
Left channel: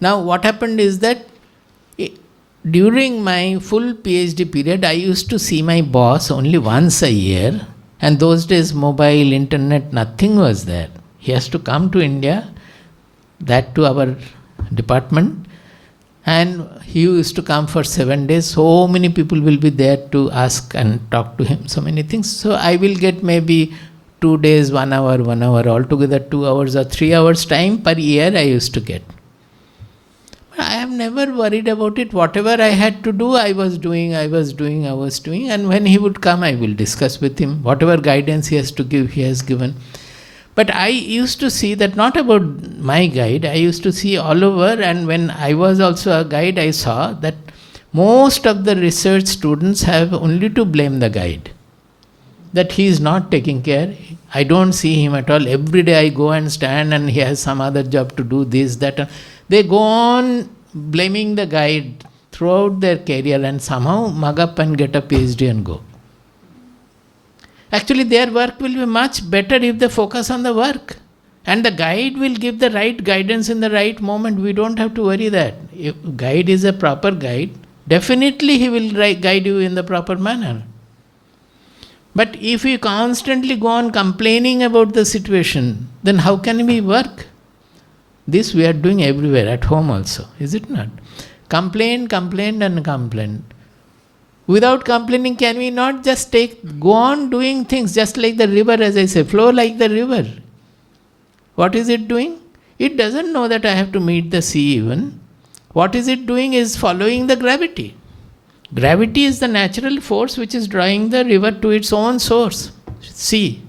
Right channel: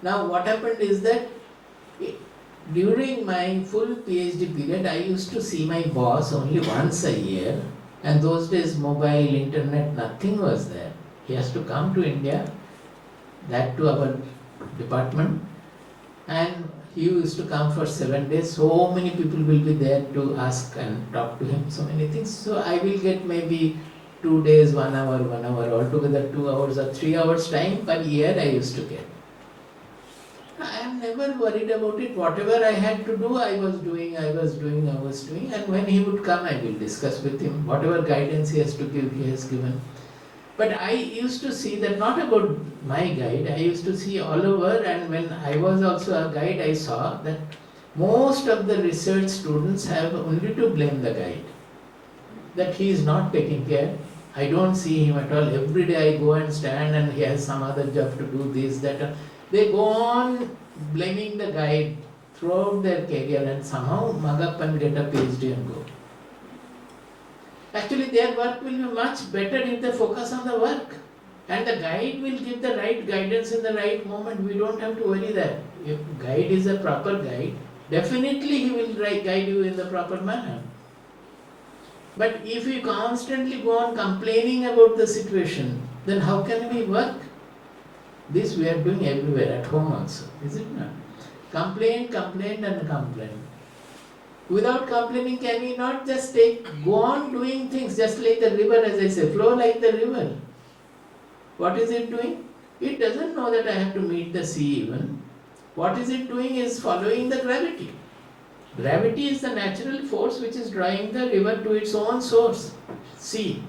Now what happened is that during my full PhD period, I used to see my boss only once a year. And those days, mobile, internet, nothing was there. He has to come to India, that to our department. And he used to come for 7 days. So many people will be there to ask and talk to him, so many things. So I will get maybe 2 days, 1 hour, altogether 2 hours or 3 hours time per year I used to get. I have never worried about it. Whatever I had to do, I was doing. And when he would come, I will discuss with him. Whatever guidance he has to give, he has given. But I used to see that not about my guide, I used to see all over. And when I was also a guide, I saw that most of the research students have only to blame the guide. That he is not taking care. I don't see him at all. Every day I go and stand and he has some other job to do this, that. They go on blaming the guide throughout their career and somehow mug up and get a PhD and go. Actually, their work will be much better if they focus on the work. And the guide will give the right guidance in the right moment. We don't have to worry that. If guide is a proper guide, definitely he will guide you in the proper manner. But if we constantly go on complaining about the situation, then how can we work? This we are doing everywhere, at home also, is it not? Complain. Without complaining, can we not just go on doing things just like the river, as I say, flow like the river? What is it doing? It doesn't know that I have to meet the sea even. What is it doing is following the gravity. Gravity is the natural force which is drawing the river to its own source, sea.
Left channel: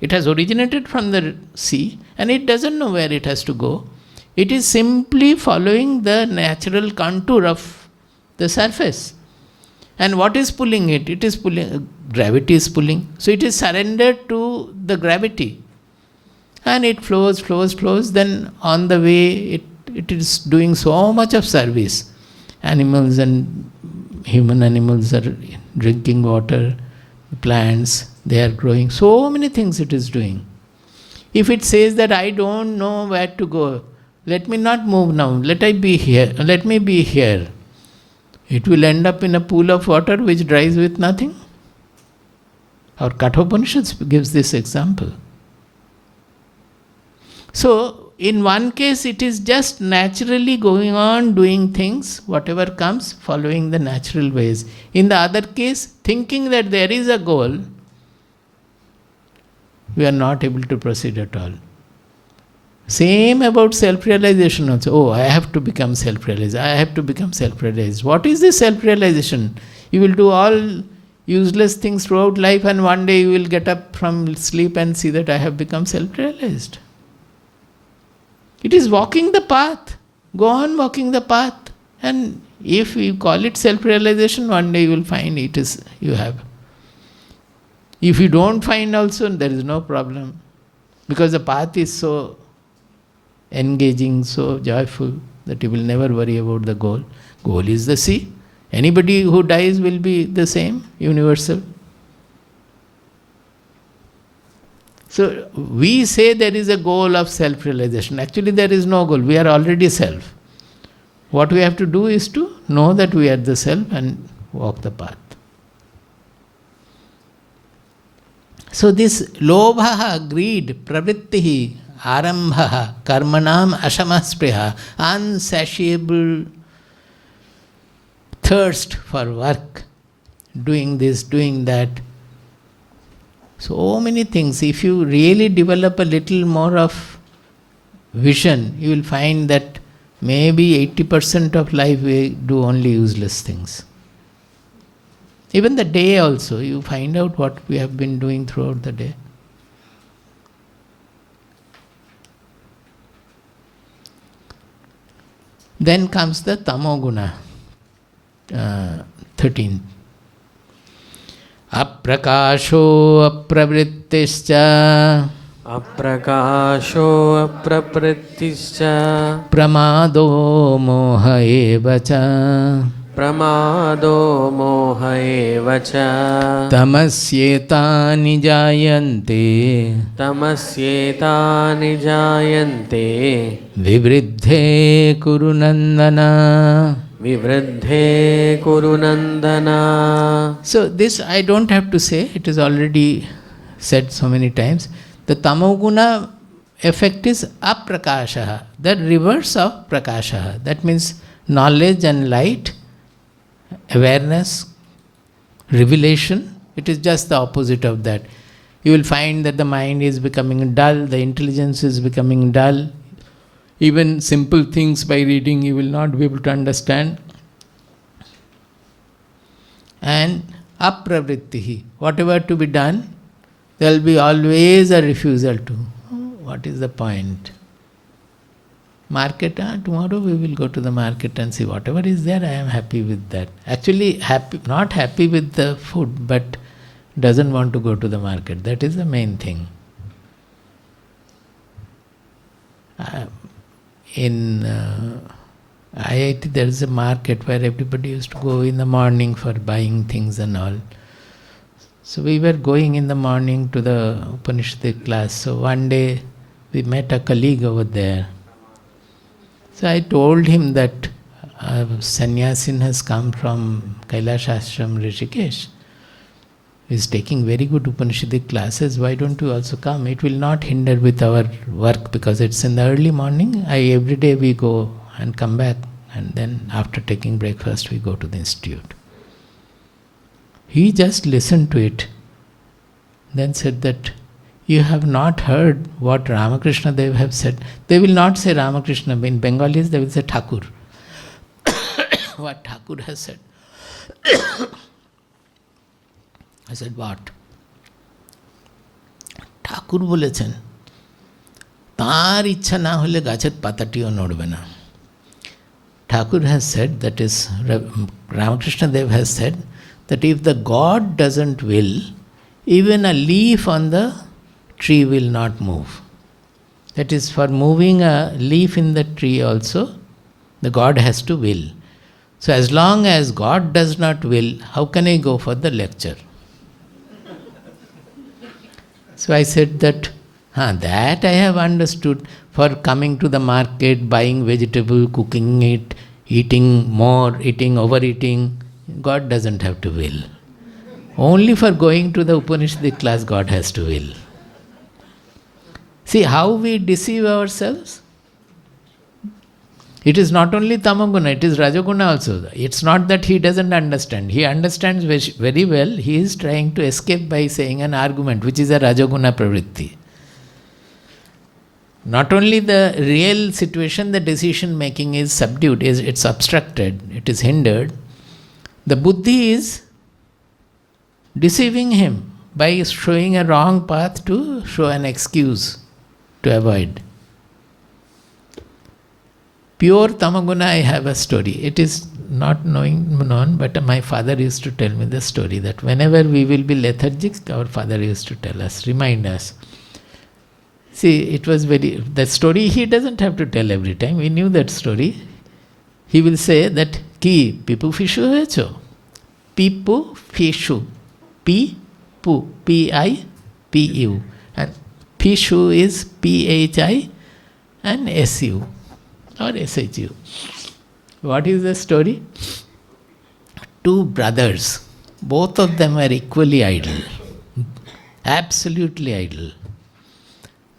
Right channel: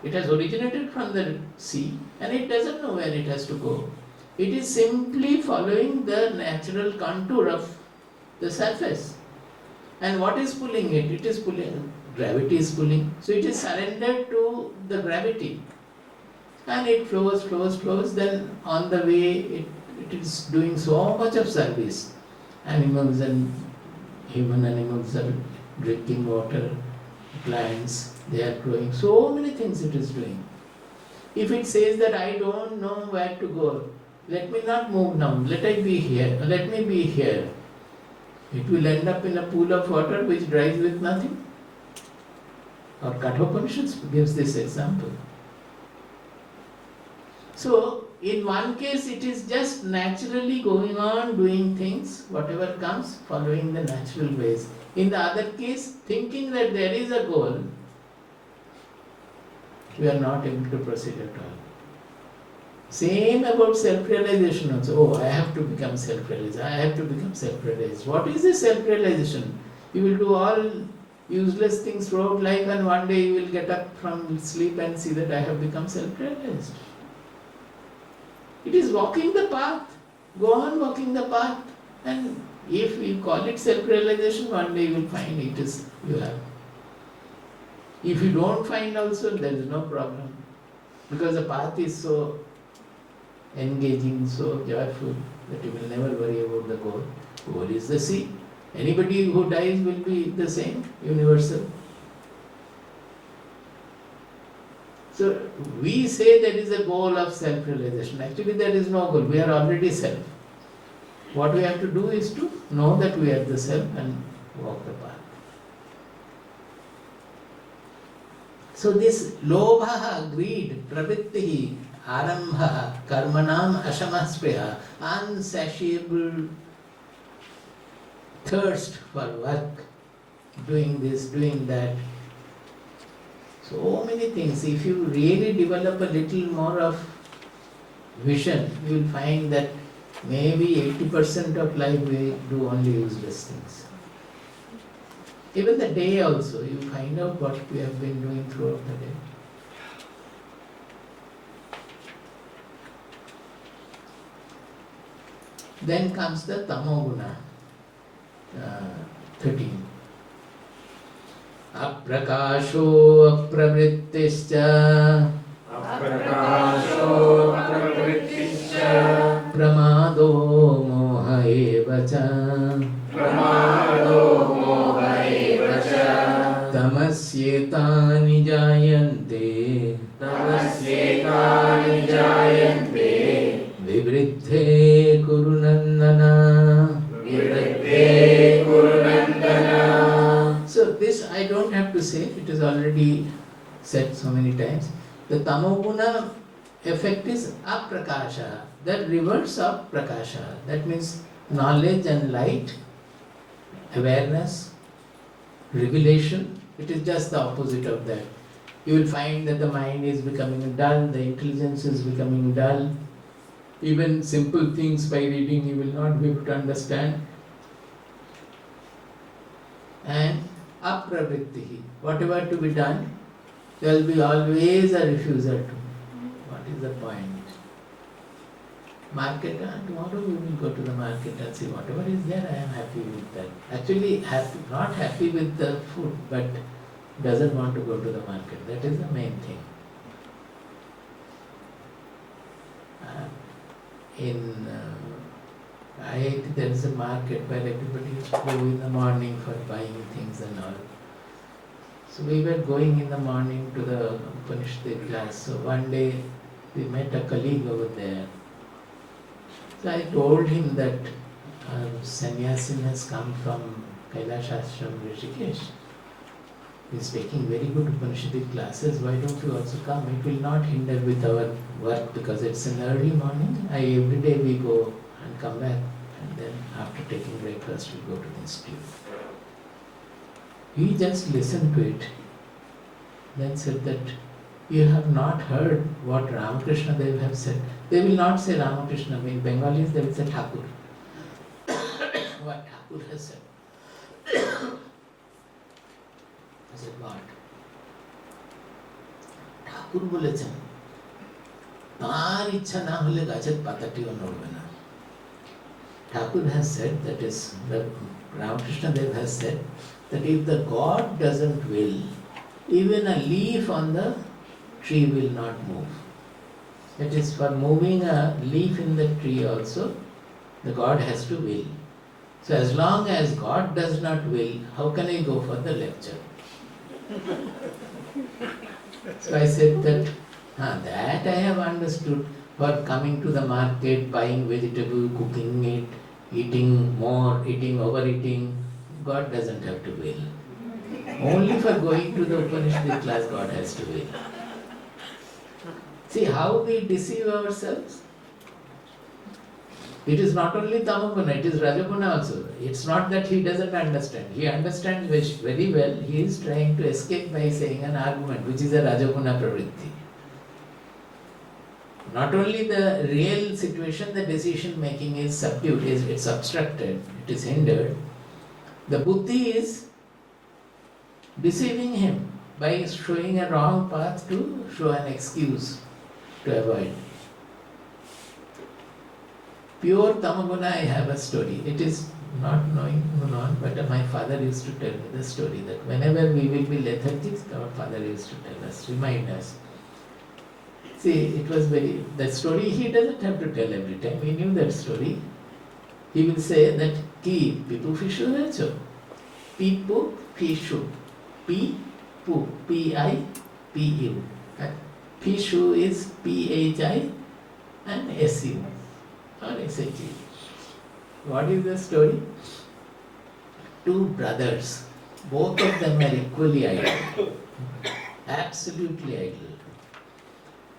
It has originated from the sea and it doesn't know where it has to go. It is simply following the natural contour of the surface. And what is pulling it? It is pulling, gravity is pulling. So it is surrendered to the gravity. And it flows. Then on the way, it is doing so much of service. Animals and human animals are drinking water, plants, they are growing. So many things it is doing. If it says that I don't know where to go, let me not move now, let me be here. It will end up in a pool of water which dries with nothing. Our Kathopanishad gives this example. So, in one case it is just naturally going on doing things, whatever comes, following the natural ways. In the other case, thinking that there is a goal, we are not able to proceed at all. Same about self-realization also. Oh, I have to become self-realized. What is this self-realization? You will do all useless things throughout life and one day you will get up from sleep and see that I have become self-realized. It is walking the path. Go on walking the path. And if you call it self-realization, one day you will find you have. If you don't find also, there is no problem. Because the path is so engaging, so joyful, that you will never worry about the goal. Goal is the sea. Anybody who dies will be the same, universal. So we say there is a goal of self-realization. Actually there is no goal. We are already self. What we have to do is to know that we are the self and walk the path. So this lobha, greed, pravrittihi, arambha, karmanam, ashamaspriha, insatiable thirst for work, doing this, doing that, So many things. If you really develop a little more of vision, you will find that maybe 80% of life we do only useless things. Even the day also, you find out what we have been doing throughout the day. Then comes the Tamo Guna, 13. Aprakasho apravrittischa Aprakasho aprapritischa pramado moha evacha pramado moha evacha tamasyetani jayante tamasyetani jayante vivriddhe kurunandana. vivriddhe kurunandana. So this I don't have to say, it is already said so many times. The tamoguna effect is aprakasha, the reverse of prakasha. That means knowledge and light, awareness, revelation. It is just the opposite of that. You will find that the mind is becoming dull, the intelligence is becoming dull. Even simple things by reading you will not be able to understand. And apravrittihi, whatever to be done, there will be always a refusal to. What is the point? Market, tomorrow we will go to the market and see whatever is there, I am happy with that. Actually, not happy with the food, but doesn't want to go to the market. That is the main thing. In IIT there is a market where everybody used to go in the morning for buying things and all. So we were going in the morning to the Upanishadic class. So one day we met a colleague over there. So I told him that a sannyasin has come from Kailash Ashram, Rishikesh. He is taking very good Upanishadic classes. Why don't you also come? It will not hinder with our work because it's in the early morning. Every day we go and come back, and then after taking breakfast we go to the institute. He just listened to it, then said that you have not heard what Ramakrishna Dev have said. They will not say Ramakrishna. In Bengalis they will say Thakur. What Thakur has said. I said, what? ঠাকুর বলেছেন তার ইচ্ছা না হলে গাছের পাতাটিও নড়বে না. Thakur has said, that is Ramakrishna Dev has said, that if the God doesn't will, even a leaf on the tree will not move. That is, for moving a leaf in the tree also, the God has to will. So as long as God does not will, how can I go for the lecture? So I said that I have understood. For coming to the market, buying vegetable, cooking it, eating more, overeating, God doesn't have to will. Only for going to the Upanishadic class, God has to will. See how we deceive ourselves? It is not only Tamoguna, it is Rajoguna also. It's not that he doesn't understand. He understands very well. He is trying to escape by saying an argument, which is a Rajoguna pravritti. Not only the real situation, the decision making is subdued, it's obstructed, it is hindered. The buddhi is deceiving him by showing a wrong path to show an excuse to avoid. Pure Tamoguna, I have a story. It is not known, but my father used to tell me the story that whenever we will be lethargic, our father used to tell us, remind us. See, it was the story he doesn't have to tell every time. We knew that story. He will say that, ki pipu fishu hecho. Pipu fishu. P-pu. P-I-P-U. And fishu is P-H-I and S-U. Or S-H-U. What is the story? Two brothers. Both of them were equally idle. Absolutely idle.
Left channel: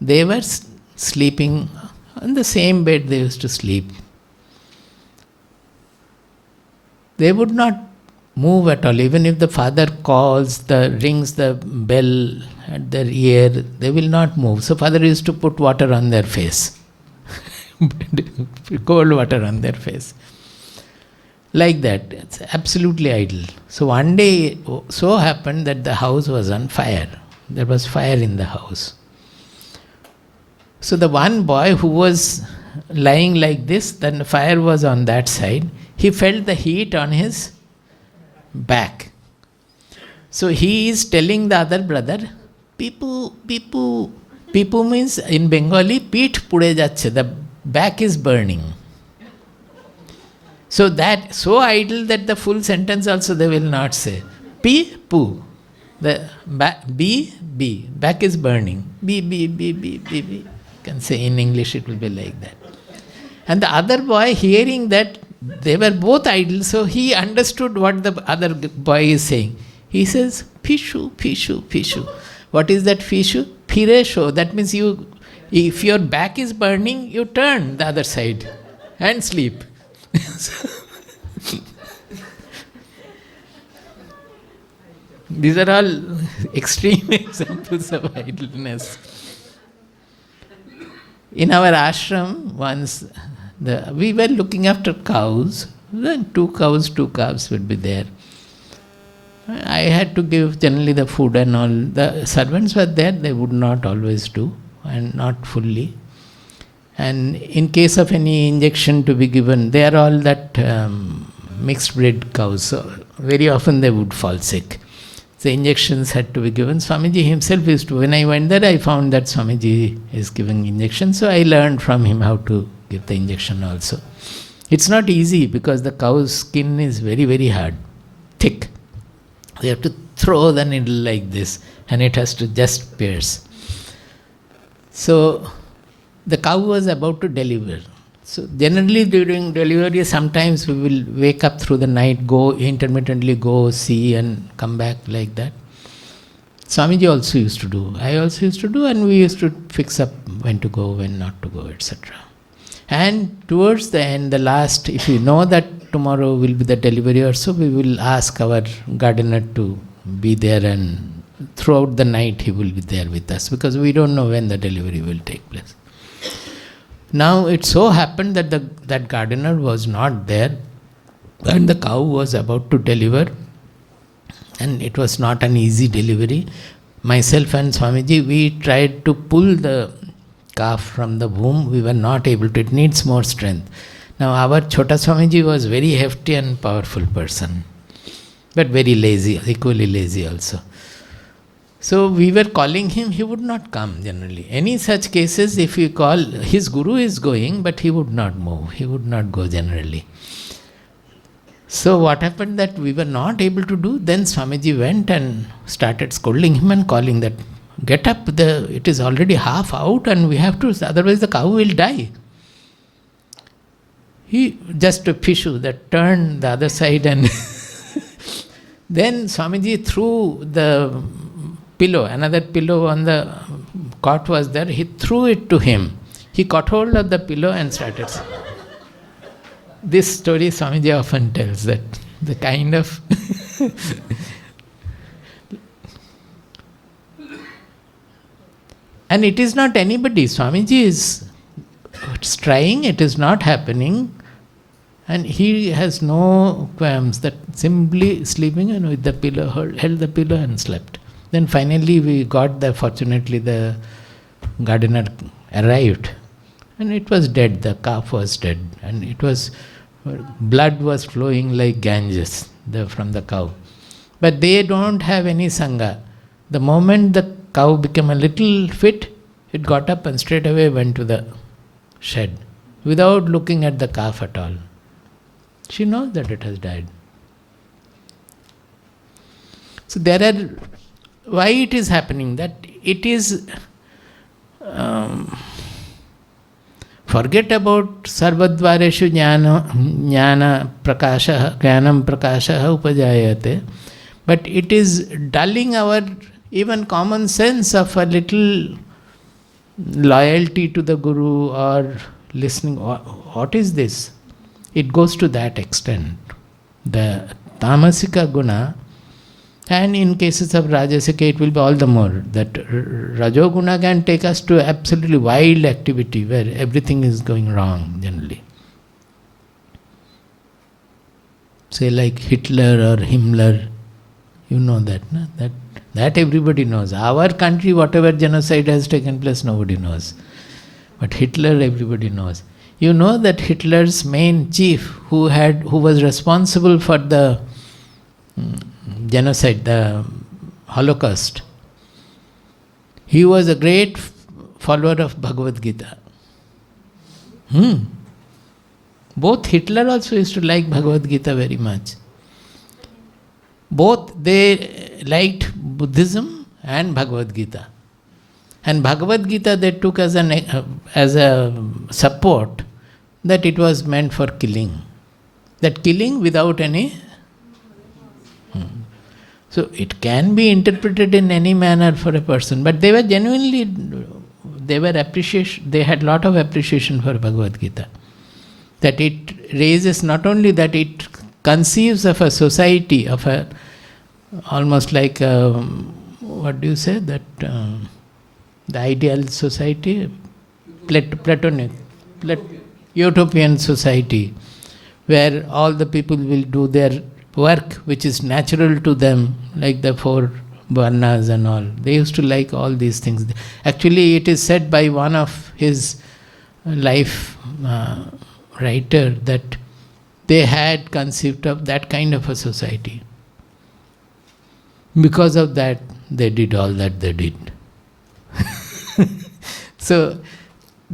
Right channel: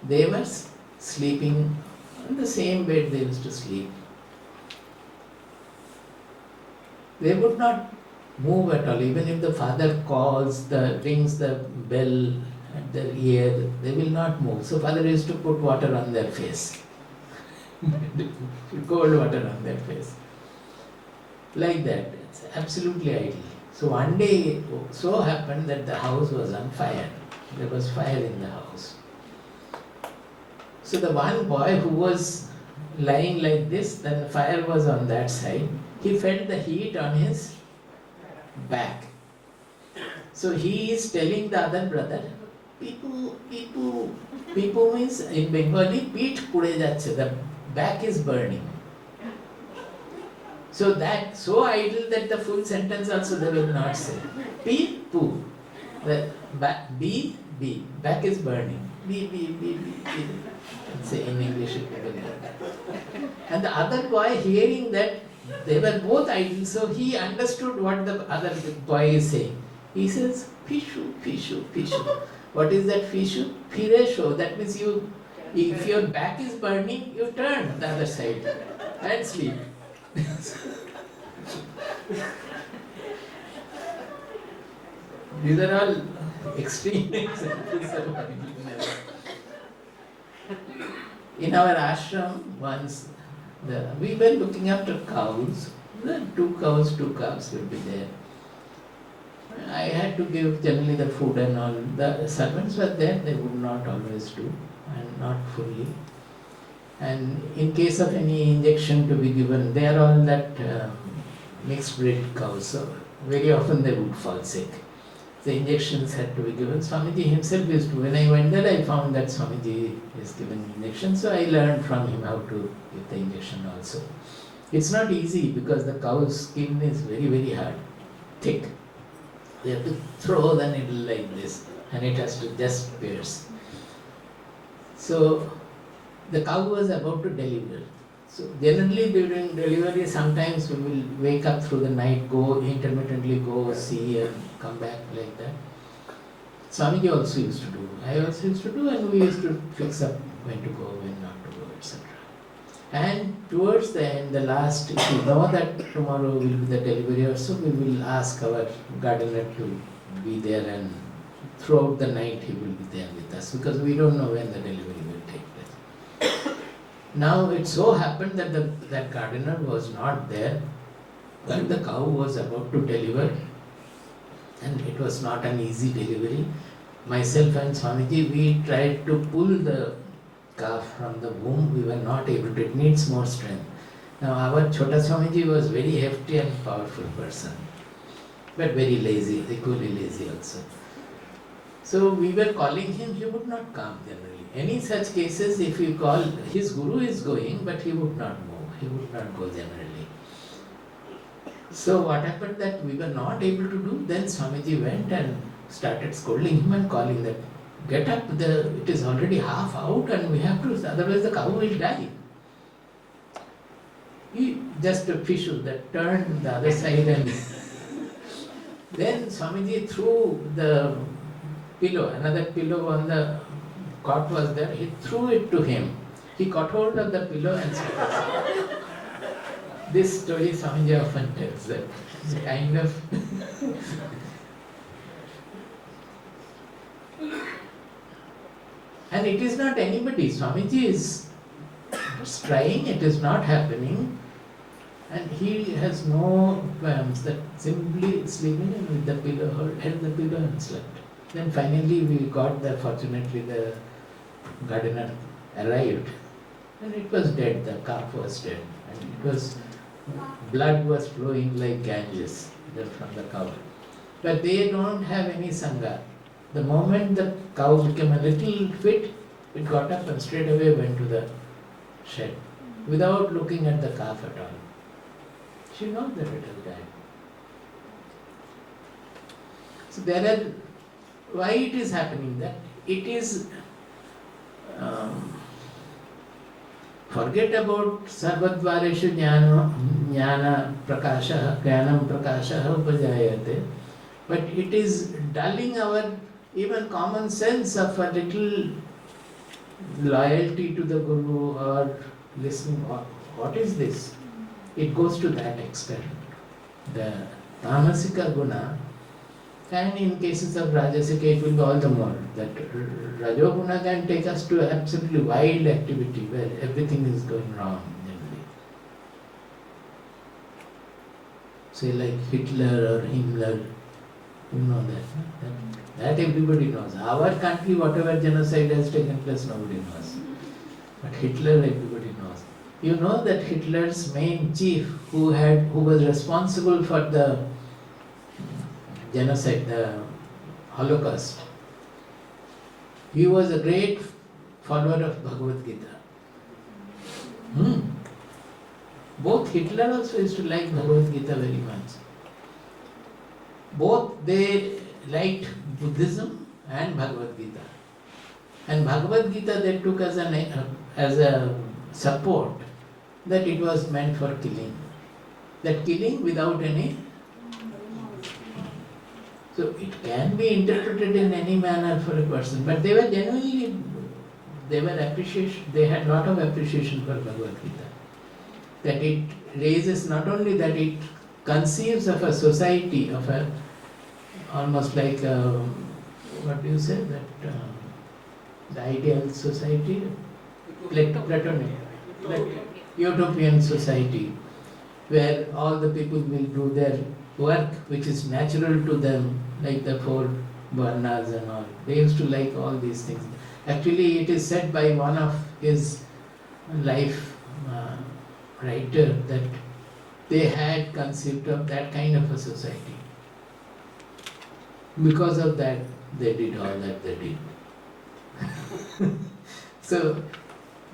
They were sleeping on the same bed they used to sleep. They would not move at all. Even if the father calls, rings the bell at their ear, they will not move. So father used to put water on their face. Cold water on their face. Like that. It's absolutely idle. So one day, so happened that the house was on fire. There was fire in the house. So the one boy who was lying like this, then the fire was on that side, he felt the heat on his back. So he is telling the other brother, Pipu means in Bengali, Peet pude jacche, the back is burning. So that, so idle that the full sentence also they will not say. Pu, the back is burning. B. Can say in English it will be like that. And the other boy hearing that, they were both idle, so he understood what the other boy is saying. He says, Pishu. What is that Pishu? Piresho. That means if your back is burning, you turn the other side and sleep. These are all extreme examples of idleness. In our ashram, once we were looking after cows. Then two calves would be there. I had to give generally the food and all. The servants were there, they would not always do, and not fully. And in case of any injection to be given, they are all that mixed breed cows, so very often they would fall sick. The injections had to be given. Swamiji himself used to, when I went there, I found that Swamiji is giving injections, so I learned from him how to give the injection also. It's not easy because the cow's skin is very, very hard, thick. You have to throw the needle like this and it has to just pierce. So the cow was about to deliver. So generally during delivery, sometimes we will wake up through the night, intermittently go, see and come back like that. Swamiji also used to do. I also used to do, and we used to fix up when to go, when not to go, etc. And towards the end, the last, if we know that tomorrow will be the delivery or so, we will ask our gardener to be there, and throughout the night he will be there with us, because we don't know when the delivery will take place. Now it so happened that that gardener was not there and the cow was about to deliver, and it was not an easy delivery. Myself and Swamiji, we tried to pull the calf from the womb. We were not able to. It needs more strength. Now our Chota Swamiji was very hefty and powerful person, but very lazy, equally lazy also. So we were calling him, he would not come generally. Any such cases, if we call, his guru is going, but he would not move. He would not go generally. So what happened that we were not able to do, then Swamiji went and started scolding him and calling that, get up, it is already half out and we have to, otherwise the cow will die. He just a pishu that turned the other side, and then Swamiji threw the pillow, another pillow on the cot was there, he threw it to him. He caught hold of the pillow and started. This story Swamiji often tells, that the kind of and it is not anybody. Swamiji is trying, it is not happening, and he has no qualms, that simply sleeping and with the pillow, held the pillow and slept. Then finally we got fortunately the gardener arrived and it was dead, the calf was dead, and it was, blood was flowing like Ganges from the cow. But they don't have any sangha. The moment the cow became a little fit, it got up and straight away went to the shed without looking at the calf at all. She knows that it has died. So there are, why it is happening, that it is, forget about sarvadvareshu jnana prakasha, jnanam prakasha upajayate, but it is dulling our even common sense of a little loyalty to the guru or listening. What is this? It goes to that extent. The tamasika guna, and in cases of rajasika it will be all the more. That rajoguna can take us to absolutely wild activity where everything is going wrong generally. Say like Hitler or Himmler, you know that, no? That everybody knows. Our country, whatever genocide has taken place, nobody knows. But Hitler, everybody knows. You know that Hitler's main chief, who was responsible for the genocide, the Holocaust, he was a great follower of Bhagavad Gita. Both Hitler also used to like Bhagavad Gita very much. Both they liked Buddhism and Bhagavad Gita. And Bhagavad Gita they took as a support that it was meant for killing. That killing without any... So it can be interpreted in any manner for a person, but they were genuinely, they had lot of appreciation for Bhagavad Gita. That it raises, not only that it conceives of a society, of a almost like what do you say, that the ideal society, Platonic, utopian society, where all the people will do their work which is natural to them, like the 4 varnas and all. They used to like all these things. Actually, it is said by one of his life writer that they had conceived of that kind of a society. Because of that, they did all that they did. So,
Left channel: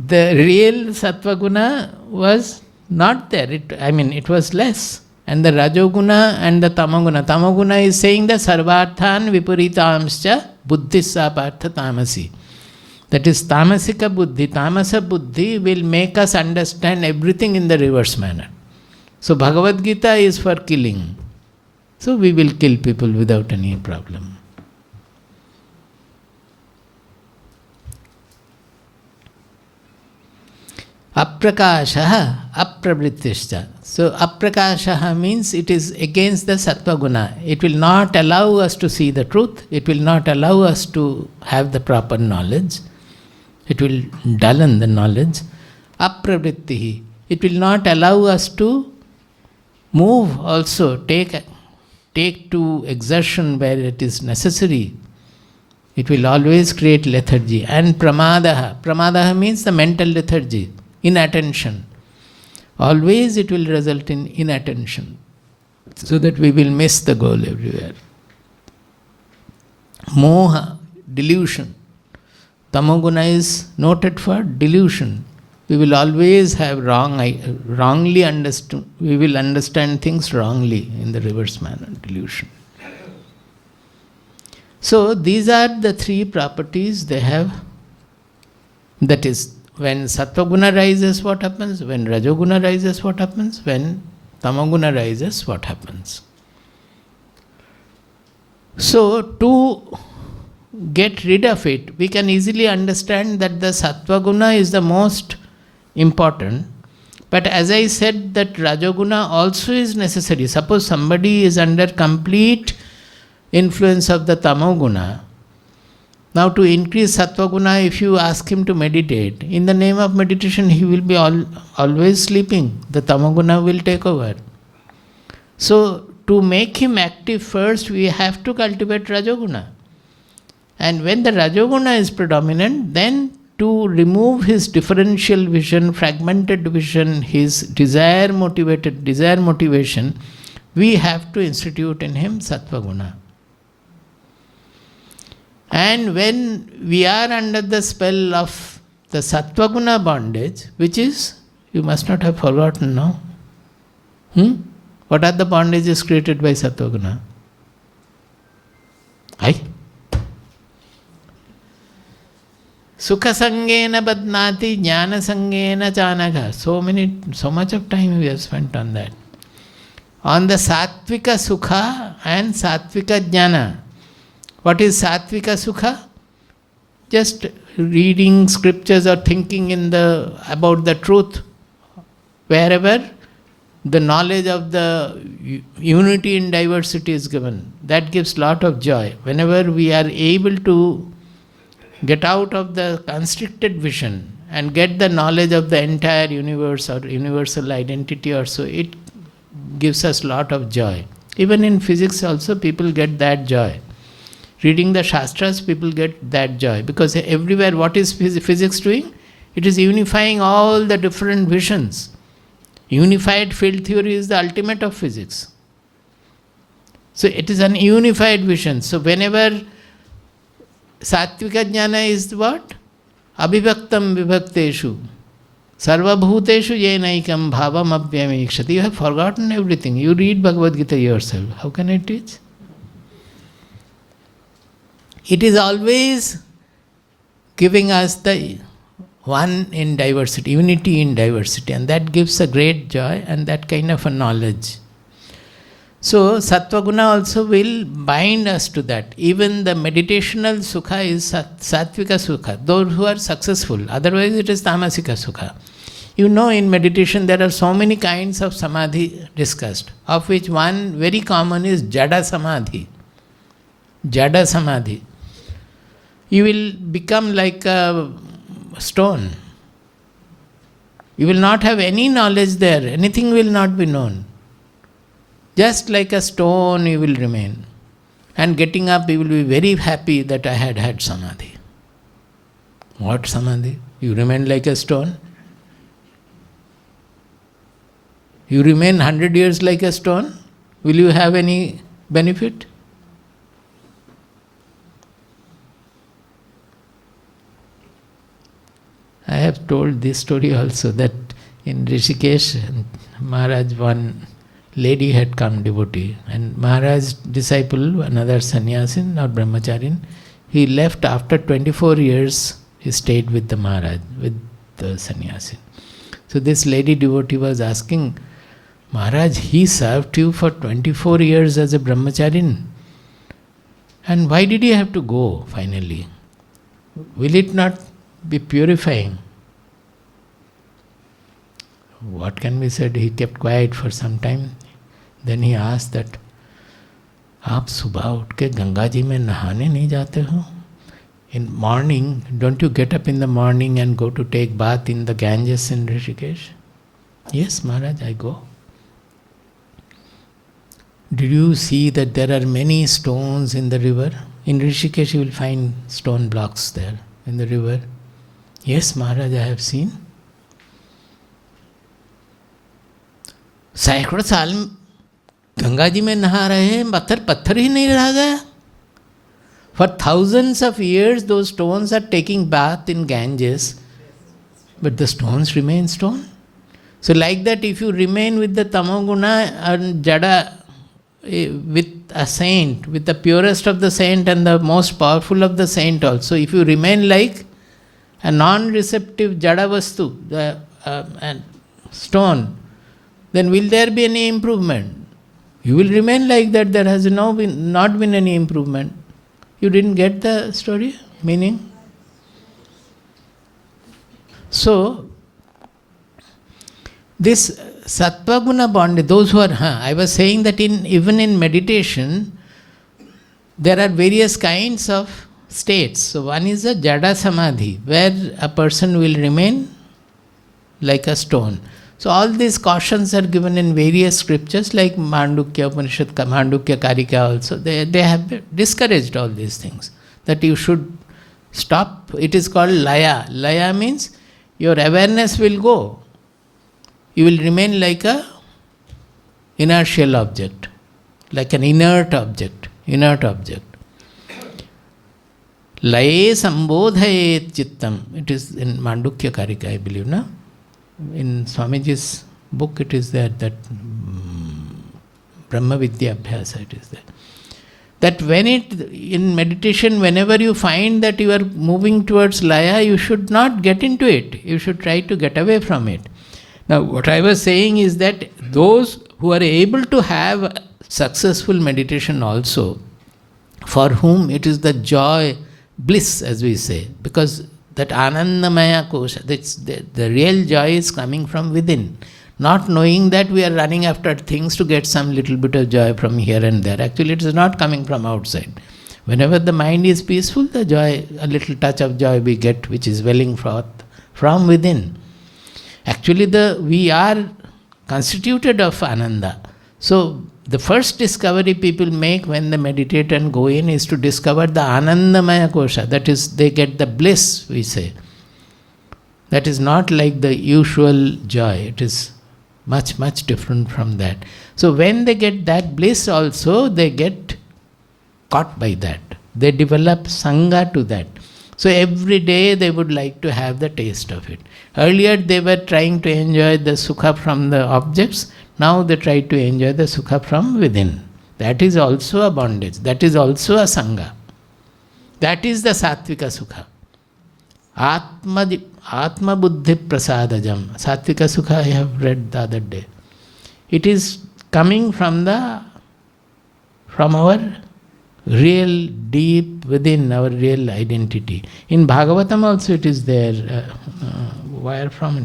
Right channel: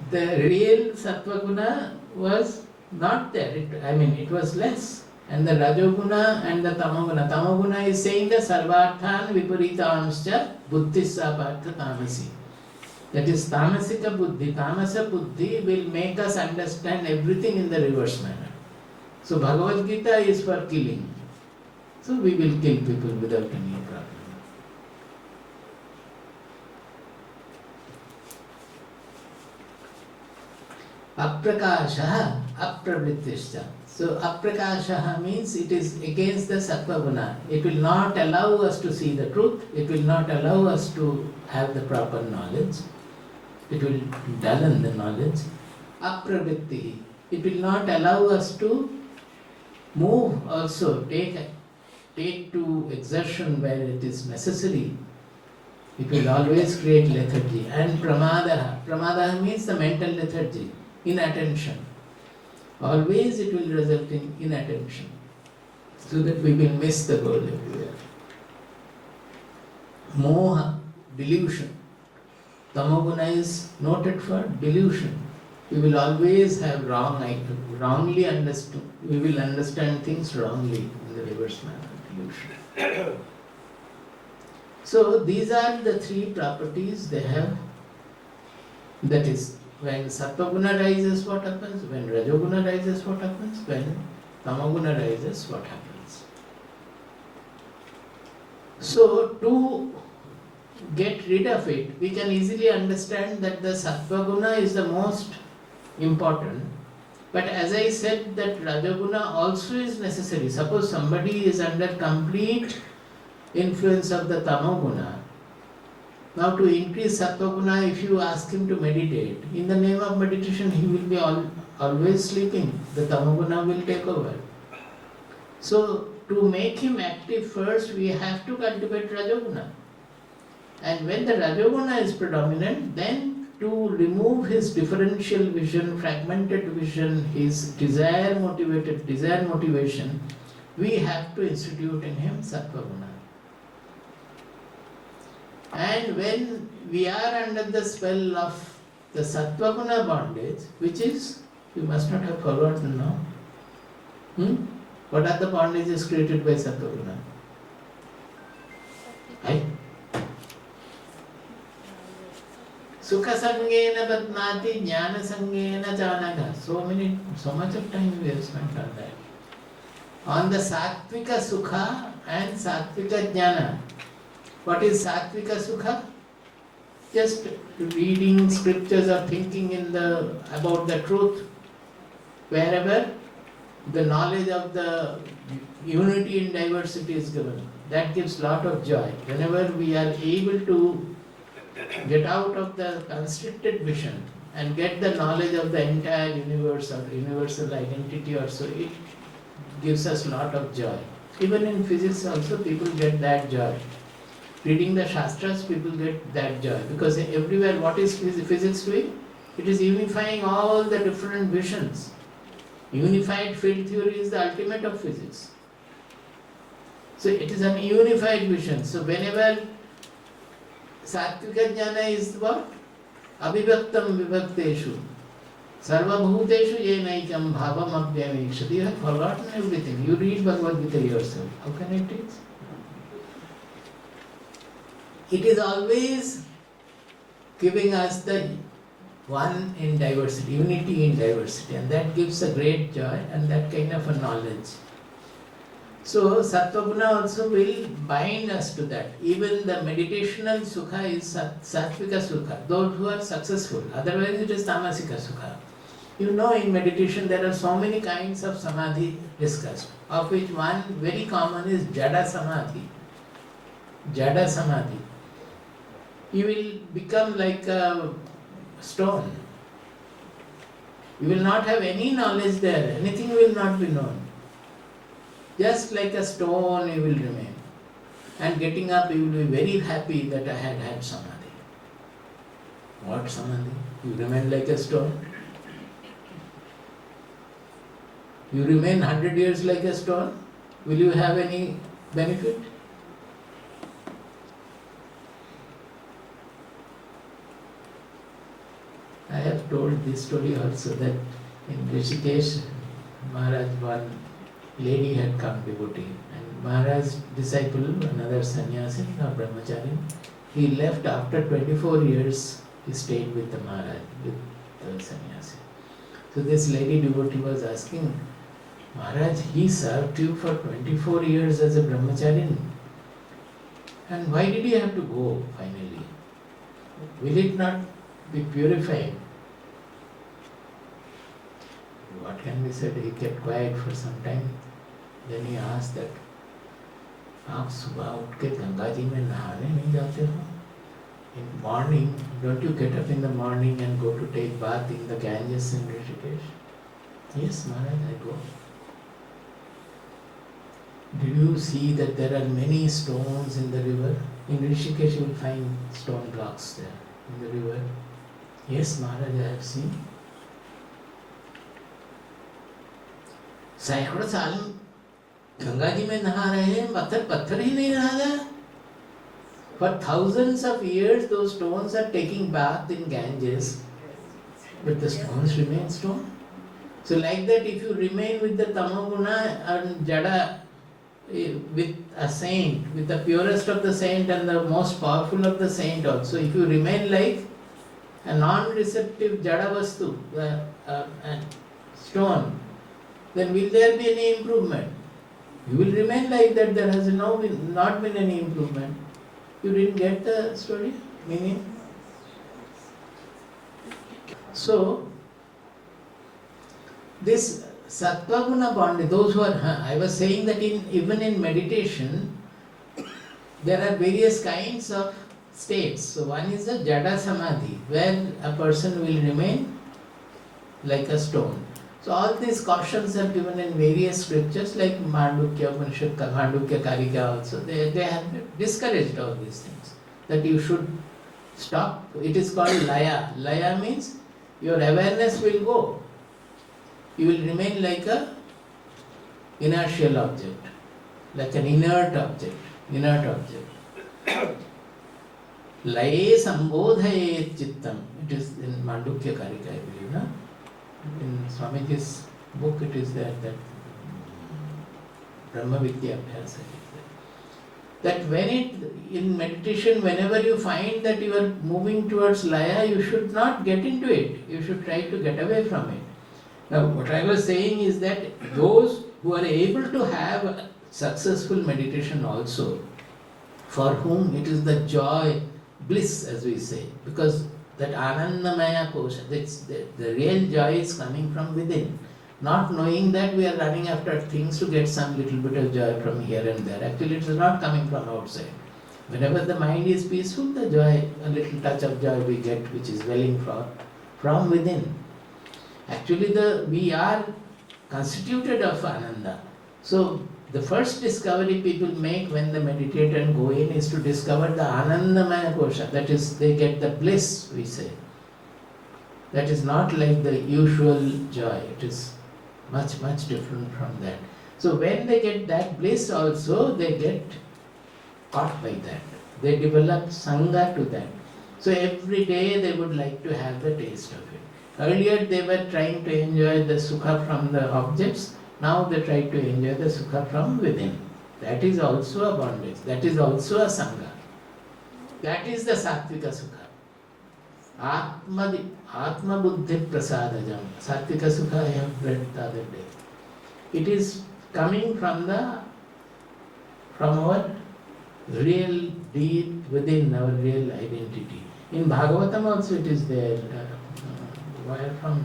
the real Sattva Guna was not there. It was less. And the Rajoguna and the Tamoguna. Tamoguna is saying the Sarvarthan Viparitamscha Buddhissa Partha Tamasi. That is Tamasika Buddhi. Tamasa Buddhi will make us understand everything in the reverse manner. So Bhagavad Gita is for killing. So we will kill people without any problem. Aprakashaha aprabritishcha. So aprakashaha means it is against the sattva guna. It will not allow us to see the truth. It will not allow us to have the proper knowledge. It will dullen the knowledge. Aprabrittihi. It will not allow us to move also, take to exertion where it is necessary. It will always create lethargy. And pramadaha. Pramadaha means the mental lethargy. Inattention. Always it will result in inattention, so that we will miss the goal everywhere. Moha, delusion. Tamoguna is noted for delusion. We will always have wrongly understood. We will understand things wrongly in the reverse manner, delusion. So these are the 3 properties they have. That is, when Sattva-guna rises, what happens? When Rajoguna rises, what happens? When Tamoguna rises, what happens? So, to get rid of it, we can easily understand that the Sattva-guna is the most important. But as I said, that Rajoguna also is necessary. Suppose somebody is under complete influence of the Tamoguna. Now to increase Sattva Guna, if you ask him to meditate, in the name of meditation he will be always sleeping. The Tamoguna will take over. So to make him active first, we have to cultivate Rajoguna. And when the Rajoguna is predominant, then to remove his differential vision, fragmented vision, his desire motivation, we have to institute in him Sattva Guna. And when we are under the spell of the Sattva Guna bondage, which is, you must not have forgotten now. What are the bondages created by Sattva Guna? Sukha Sangena Badnati Jnana Sangena Chanaka. So much of time we have spent on that. On the Sattvika Sukha and Sattvika Jnana. What is Sattvika Sukha? Just reading scriptures or thinking about the truth wherever The knowledge of the unity in diversity is given. That gives lot of joy. Whenever we are able to get out of the constricted vision and get the knowledge of the entire universe or universal identity or so, it gives us lot of joy. Even in physics also people get that joy. Reading the Shastras, people get that joy. Because everywhere, what is physics doing? It is unifying all the different visions. Unified field theory is the ultimate of physics. So it is an unified vision. So whenever Sattvika Jnana is what? Abhivaktam vibhakteshu. Sarvabhuteshu yenaikam bhavam apyamikshati. You have forgotten everything. You read Bhagavad Gita yourself. How can I teach? It is always giving us the one in diversity, unity in diversity, and that gives a great joy and that kind of a knowledge. So Sattva Guna also will bind us to that. Even the meditational sukha is Sattvika sukha, those who are successful. Otherwise it is Tamasika sukha. You know, in meditation there are so many kinds of samadhi discussed, of which one very common is Jada Samadhi. Jada Samadhi. You will become like a stone. You will not have any knowledge there. Anything will not be known. Just like a stone you will remain. And getting up, you will be very happy that I had samadhi. What samadhi? You remain like a stone? You remain 100 years like a stone? Will you have any benefit? I have told this story also, that in Rishikesh, Maharaj, one lady had come, devotee, and Maharaj's disciple, another sannyasin or brahmacharin, he left after 24 years, he stayed with the Maharaj, with the sannyasi. So this lady devotee was asking, Maharaj, he served you for 24 years as a brahmacharin, and why did he have to go finally? Will it not be purifying? What can be said? He kept quiet for some time. Then he asked that, आप सुबह उठ के गंगा जी में नहाने नहीं जाते हो? In morning, don't you get up in the morning and go to take bath in the Ganges in Rishikesh? Yes, Maharaj, I go. Did you see that there are many stones in the river? In Rishikesh you will find stone blocks there in the river. Yes, Maharaj, I have seen. सैकड़ों साल गंगा जी में नहा रहे हैं, पत्थर ही नहीं रह गया. For thousands of years those stones are taking bath in Ganges, but the stones remain stone. So like that, if you remain with the Tamo Guna and Jada, with a saint, with the purest of the saint and the most powerful of the saint also, if you remain like a non-receptive Jada Vastu, the stone, then will there be any improvement? You will remain like that. There has not been any improvement. You didn't get the story, meaning? So, this Sattva Guna bondage, those who are, I was saying that even in meditation, there are various kinds of states. So one is a Jada Samadhi, where a person will remain like a stone. So all these cautions are given in various scriptures, like Mandukya Upanishad, Mandukya Karika also. They have discouraged all these things, that you should stop. It is called Laya. Laya means your awareness will go. You will remain like a inertial object, like an inert object. Laye sambodhayet chittam. It is in Mandukya Karika, I believe, no? In Swamiji's book it is there, that Brahma Vidya Abhyasa, it is there. That in meditation, whenever you find that you are moving towards Laya, you should not get into it. You should try to get away from it. Now, what I was saying is that those who are able to have successful meditation also, for whom it is the joy, bliss as we say, because that Anandamaya Kosha, the real joy is coming from within, not knowing that we are running after things to get some little bit of joy from here and there. Actually, it is not coming from outside. Whenever the mind is peaceful, the joy, a little touch of joy we get, which is welling forth from within. Actually, we are constituted of ananda. So, the first discovery people make when they meditate and go in is to discover the anandamaya kosha. That is, they get the bliss, we say. That is not like the usual joy. It is much, much different from that. So when they get that bliss also, they get caught by that. They develop sangha to that. So every day they would like to have the taste of it. Earlier they were trying to enjoy the sukha from the objects. Now they try to enjoy the sukha from within. That is also a bondage. That is also a sangha. That is the sattvika sukha. Atma buddhi prasadajam. Sattvika sukha I have read the other day. It is coming from our real deep within our real identity. In Bhagavatam also it is there. Where from?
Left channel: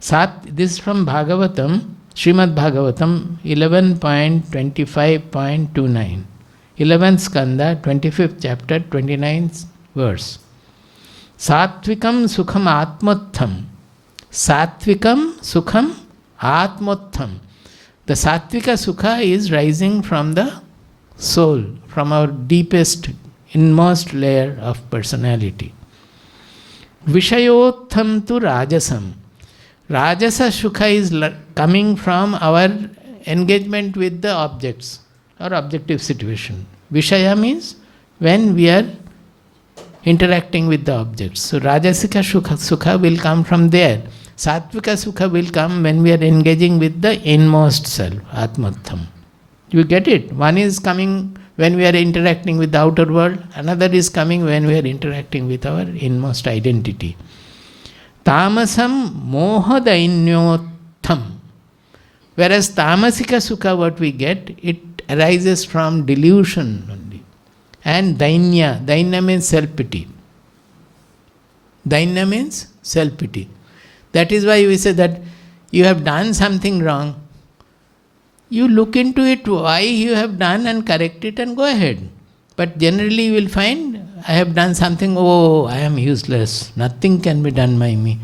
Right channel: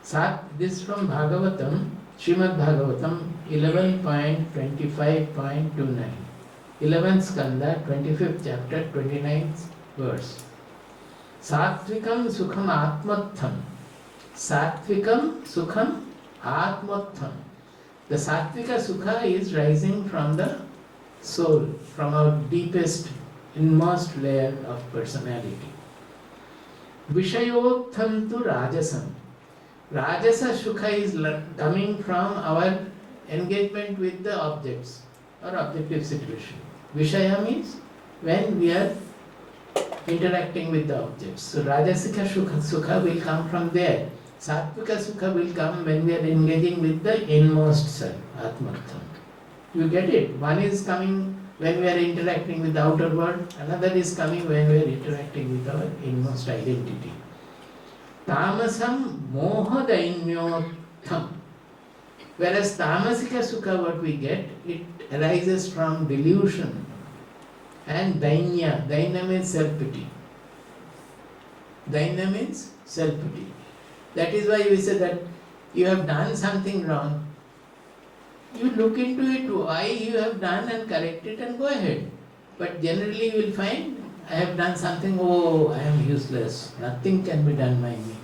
This is from Bhagavatam, Srimad Bhagavatam 11.25.29. 11th skanda, 25th chapter, 29th verse. Sattvikam sukham atmotham. Sattvikam sukham atmotham. The sattvika sukha is rising from the soul, from our deepest, inmost layer of personality. Vishayotham tu rajasam. Rajasa sukha is coming from our engagement with the objects or objective situation. Vishaya means when we are interacting with the objects. So Rajasika sukha will come from there. Sattvika sukha will come when we are engaging with the inmost self, Atmatham. You get it? One is coming when we are interacting with the outer world, another is coming when we are interacting with our inmost identity. Tamasam moha dainyotham. Whereas tamasika sukha, what we get, it arises from delusion only. And dainya means self-pity. Dainya means self-pity. That is why we say that you have done something wrong. You look into it, why you have done, and correct it and go ahead. But generally you will find, I have done something, oh, I am useless. Nothing can be done by me.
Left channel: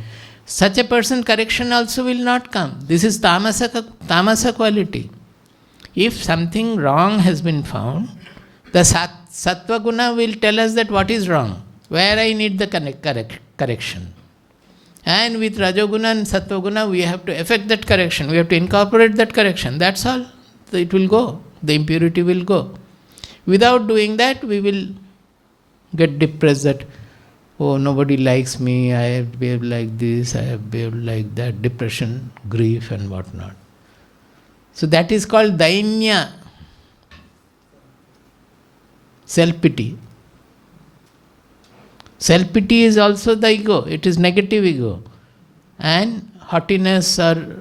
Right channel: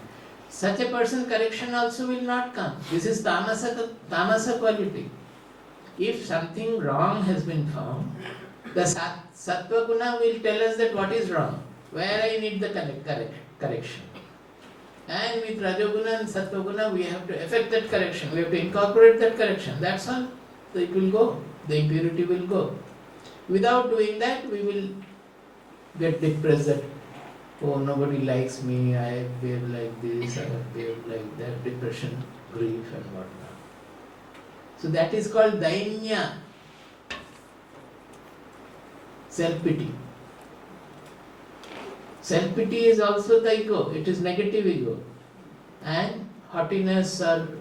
Such a person, correction also will not come. This is tamasa quality. If something wrong has been found, the Sattva Guna will tell us that what is wrong, where I need the correction. And with Rajo Guna and Sattva Guna, we have to effect that correction. We have to incorporate that correction. That's all. It will go. The impurity will go. Without doing that, we will get depressed that, oh, nobody likes me, I have behaved like this, I have behaved like that, depression, grief and whatnot. So that is called dainya, self-pity. Self-pity is also the ego, it is negative ego. And haughtiness or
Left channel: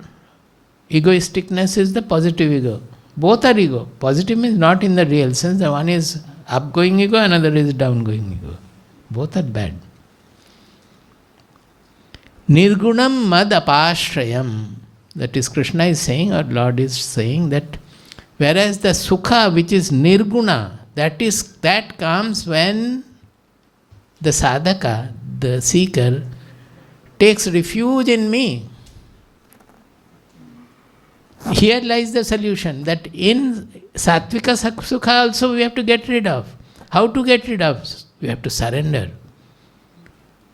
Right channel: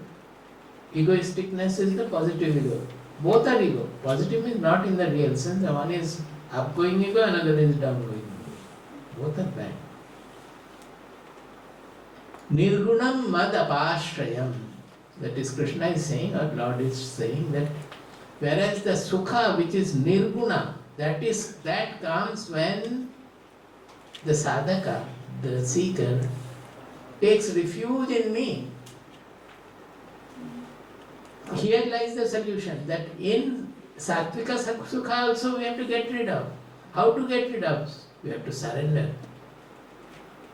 egoisticness is the positive ego. Both are ego. Positive means not in the real sense, the one is upgoing ego, another is downgoing ego. Both are bad. Nirgunam mad apashrayam. That is, Krishna is saying, or Lord is saying that whereas the sukha which is nirguna, that comes when the sadhaka, the seeker, takes refuge in me. Here lies the solution, that in sattvika sukha also we have to get rid of. How to get rid of? We have to surrender.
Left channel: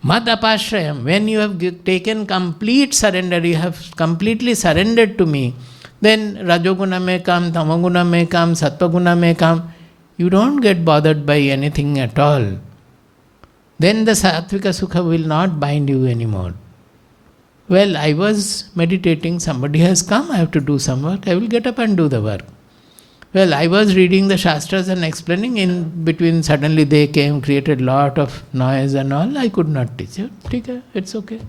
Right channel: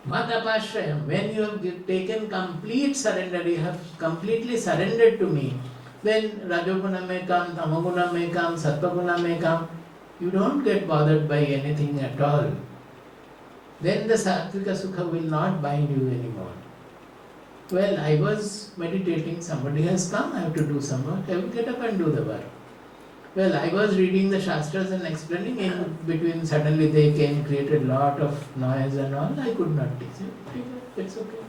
Mad apashrayam, when you have taken complete surrender, you have completely surrendered to me, then Rajoguna may come, Tamoguna may come, Sattvaguna may come. You don't get bothered by anything at all. Then the sattvika sukha will not bind you anymore. Well, I was meditating, somebody has come, I have to do some work, I will get up and do the work. Well, I was reading the Shastras and explaining, in between suddenly they came, created lot of noise and all, I could not teach you. It's okay.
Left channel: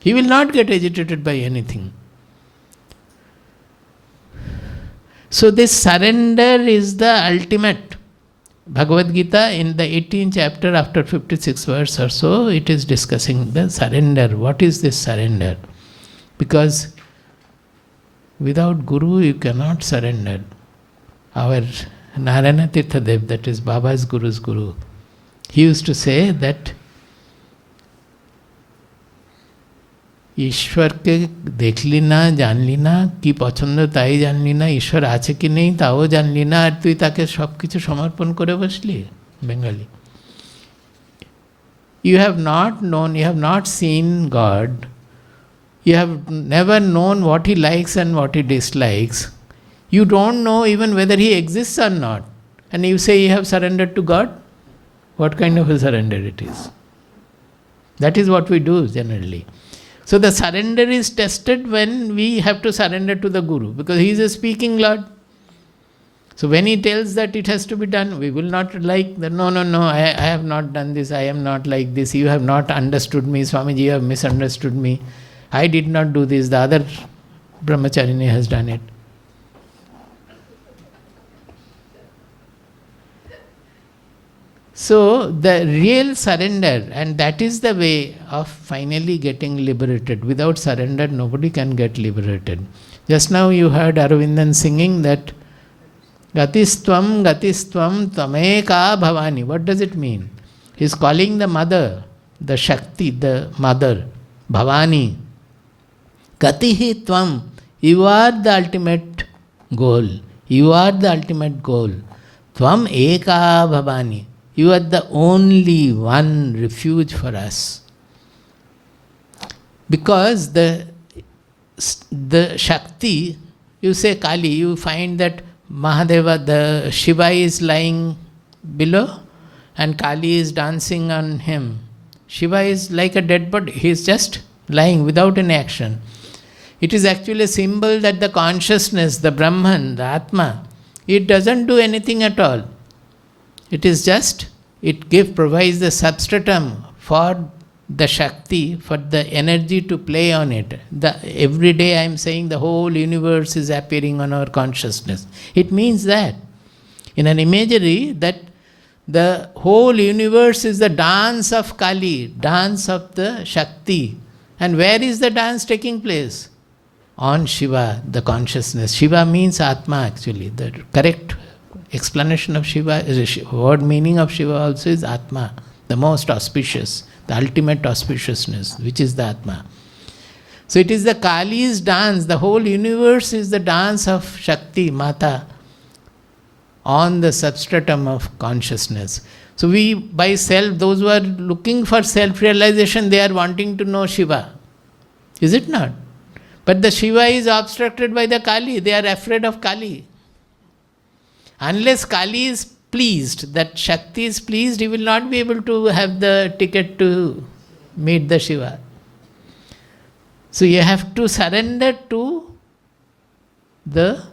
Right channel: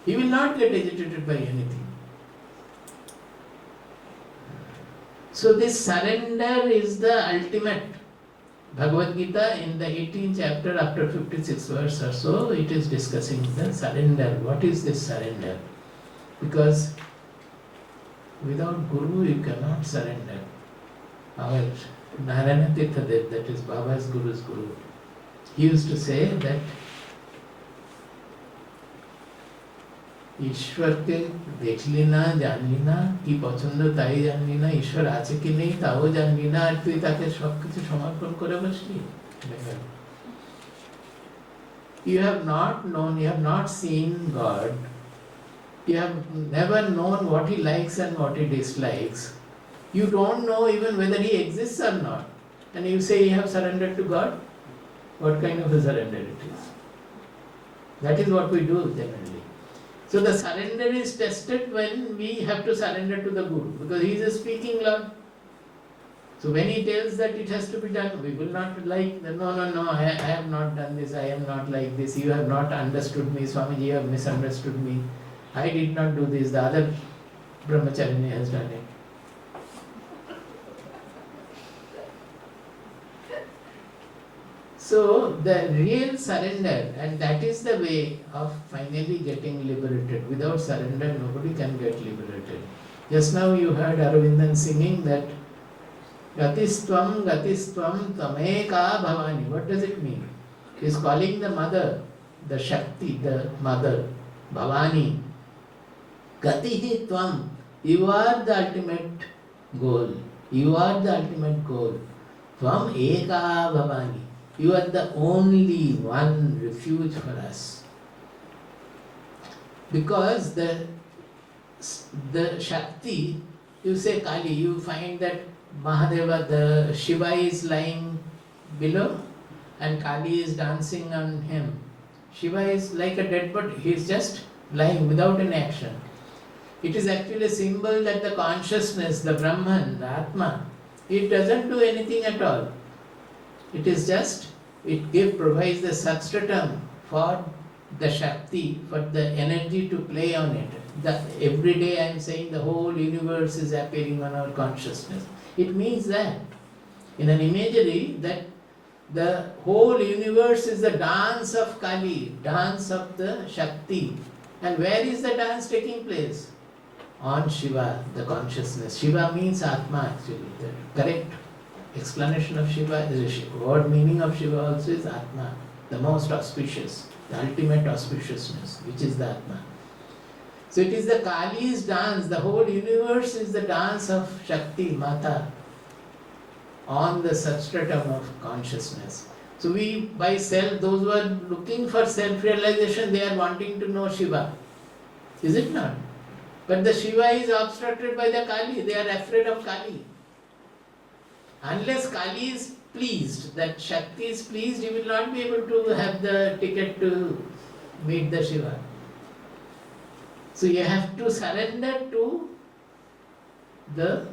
He will not get agitated by anything. So this surrender is the ultimate. Bhagavad Gita in the 18th chapter after 56 verse or so, it is discussing the surrender. What is this surrender? Because Without Guru, you cannot surrender. Our Narayana Tirtha Dev, that is Baba's Guru's Guru, he used to say that ईश्वर के देख लेना जान लेना কি পছন্দ তাই জান लेना ঈশ্বর আছে কি নেই তাও জান लेना আর তুই তাকে সব কিছু সমর্পণ করে বসলি Bengali you have not known, you have not seen God, you have never known what he likes and what he dislikes, you don't know even whether he exists or not, and you say you have surrendered to God. What kind of a surrender it is? That is what we do generally. So the surrender is tested when we have to surrender to the Guru, because he is a speaking Lord. So when he tells that it has to be done, we will not like that, no, I have not done this, I am not like this, you have not understood me, Swamiji, you have misunderstood me, I did not do this, the other brahmacharini has done it. So the real surrender, and that is the way of finally getting liberated. Without surrender, nobody can get liberated. Just now you heard Aravindan singing that Gatistvam Tameka Bhavani. What does it mean? He is calling the mother, the Shakti, the mother, Bhavani. Gatihi Tvam, you are the ultimate goal. You are the ultimate goal. Tvam Eka Bhavani. You are the only one refuge for us. Because the Shakti, you say Kali, you find that Mahadeva, the Shiva is lying below and Kali is dancing on him. Shiva is like a dead body, he is just lying without any action. It is actually a symbol that the consciousness, the Brahman, the Atma, it doesn't do anything at all. It is just, provides the substratum for the Shakti, for the energy to play on it. Every day I am saying the whole universe is appearing on our consciousness. It means that, in an imagery, that the whole universe is the dance of Kali, dance of the Shakti. And where is the dance taking place? On Shiva, the consciousness. Shiva means Atma actually. The correct explanation of Shiva, word meaning of Shiva also is Atma, the most auspicious, the ultimate auspiciousness, which is the Atma. So it is the Kali's dance, the whole universe is the dance of Shakti, Mata, on the substratum of consciousness. So we, by self, those who are looking for self-realization, they are wanting to know Shiva. Is it not? But the Shiva is obstructed by the Kali, they are afraid of Kali. Unless Kali is pleased, that Shakti is pleased, he will not be able to have the ticket to meet the Shiva. So you have to surrender to the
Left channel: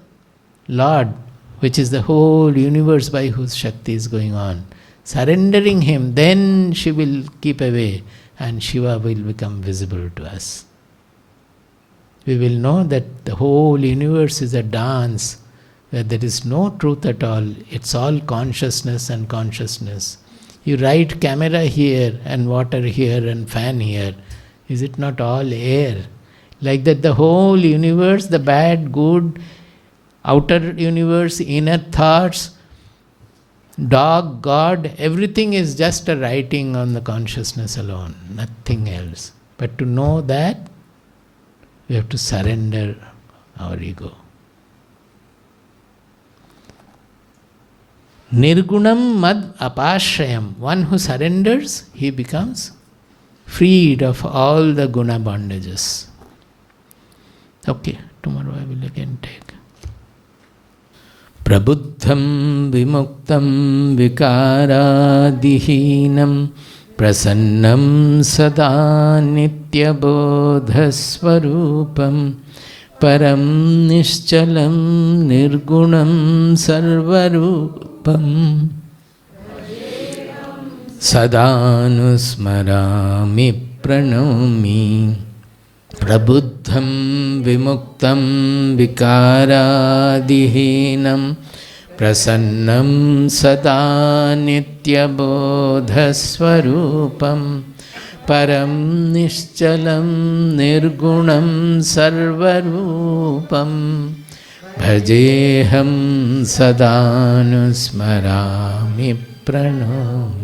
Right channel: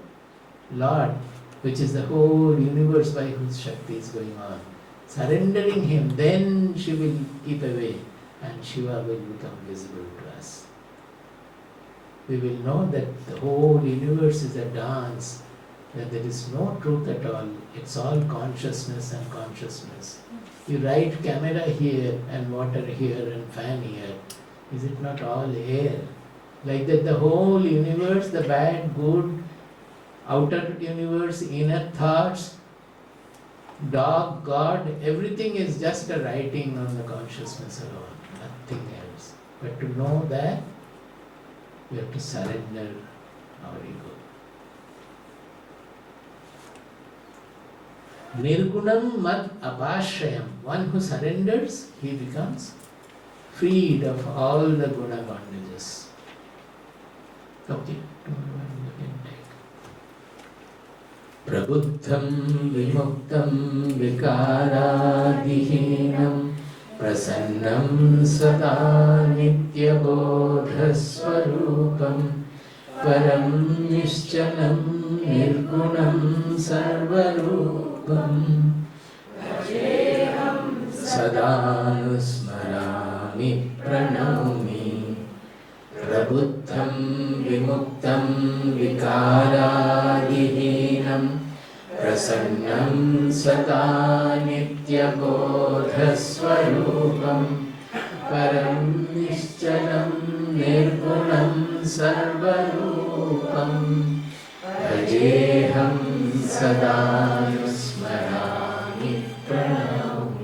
Lord, which is the whole universe by whose Shakti is going on. Surrendering him, then she will keep away and Shiva will become visible to us. We will know that the whole universe is a dance, that there is no truth at all. It's all consciousness and consciousness. You write camera here and water here and fan here. Is it not all air? Like that the whole universe, the bad, good, outer universe, inner thoughts, dog, God, everything is just a writing on the consciousness alone, nothing else. But to know that, we have to surrender our ego. Nirgunam mad apashrayam. One who surrenders, he becomes freed of all the guna bondages. Okay, tomorrow I will again take. Prabuddham vimuktam vikaradihinam prasannam sada nityabodhasvarupam param nischalam nirgunam sarvarupam sadanusmarami pranami prabuddham vimuktam vikaradihinam prasannam sada nityabodhasvarupam Param Nishchalam Nirgunam Sarvarupam Bhajeham Sadanusmarami Pranam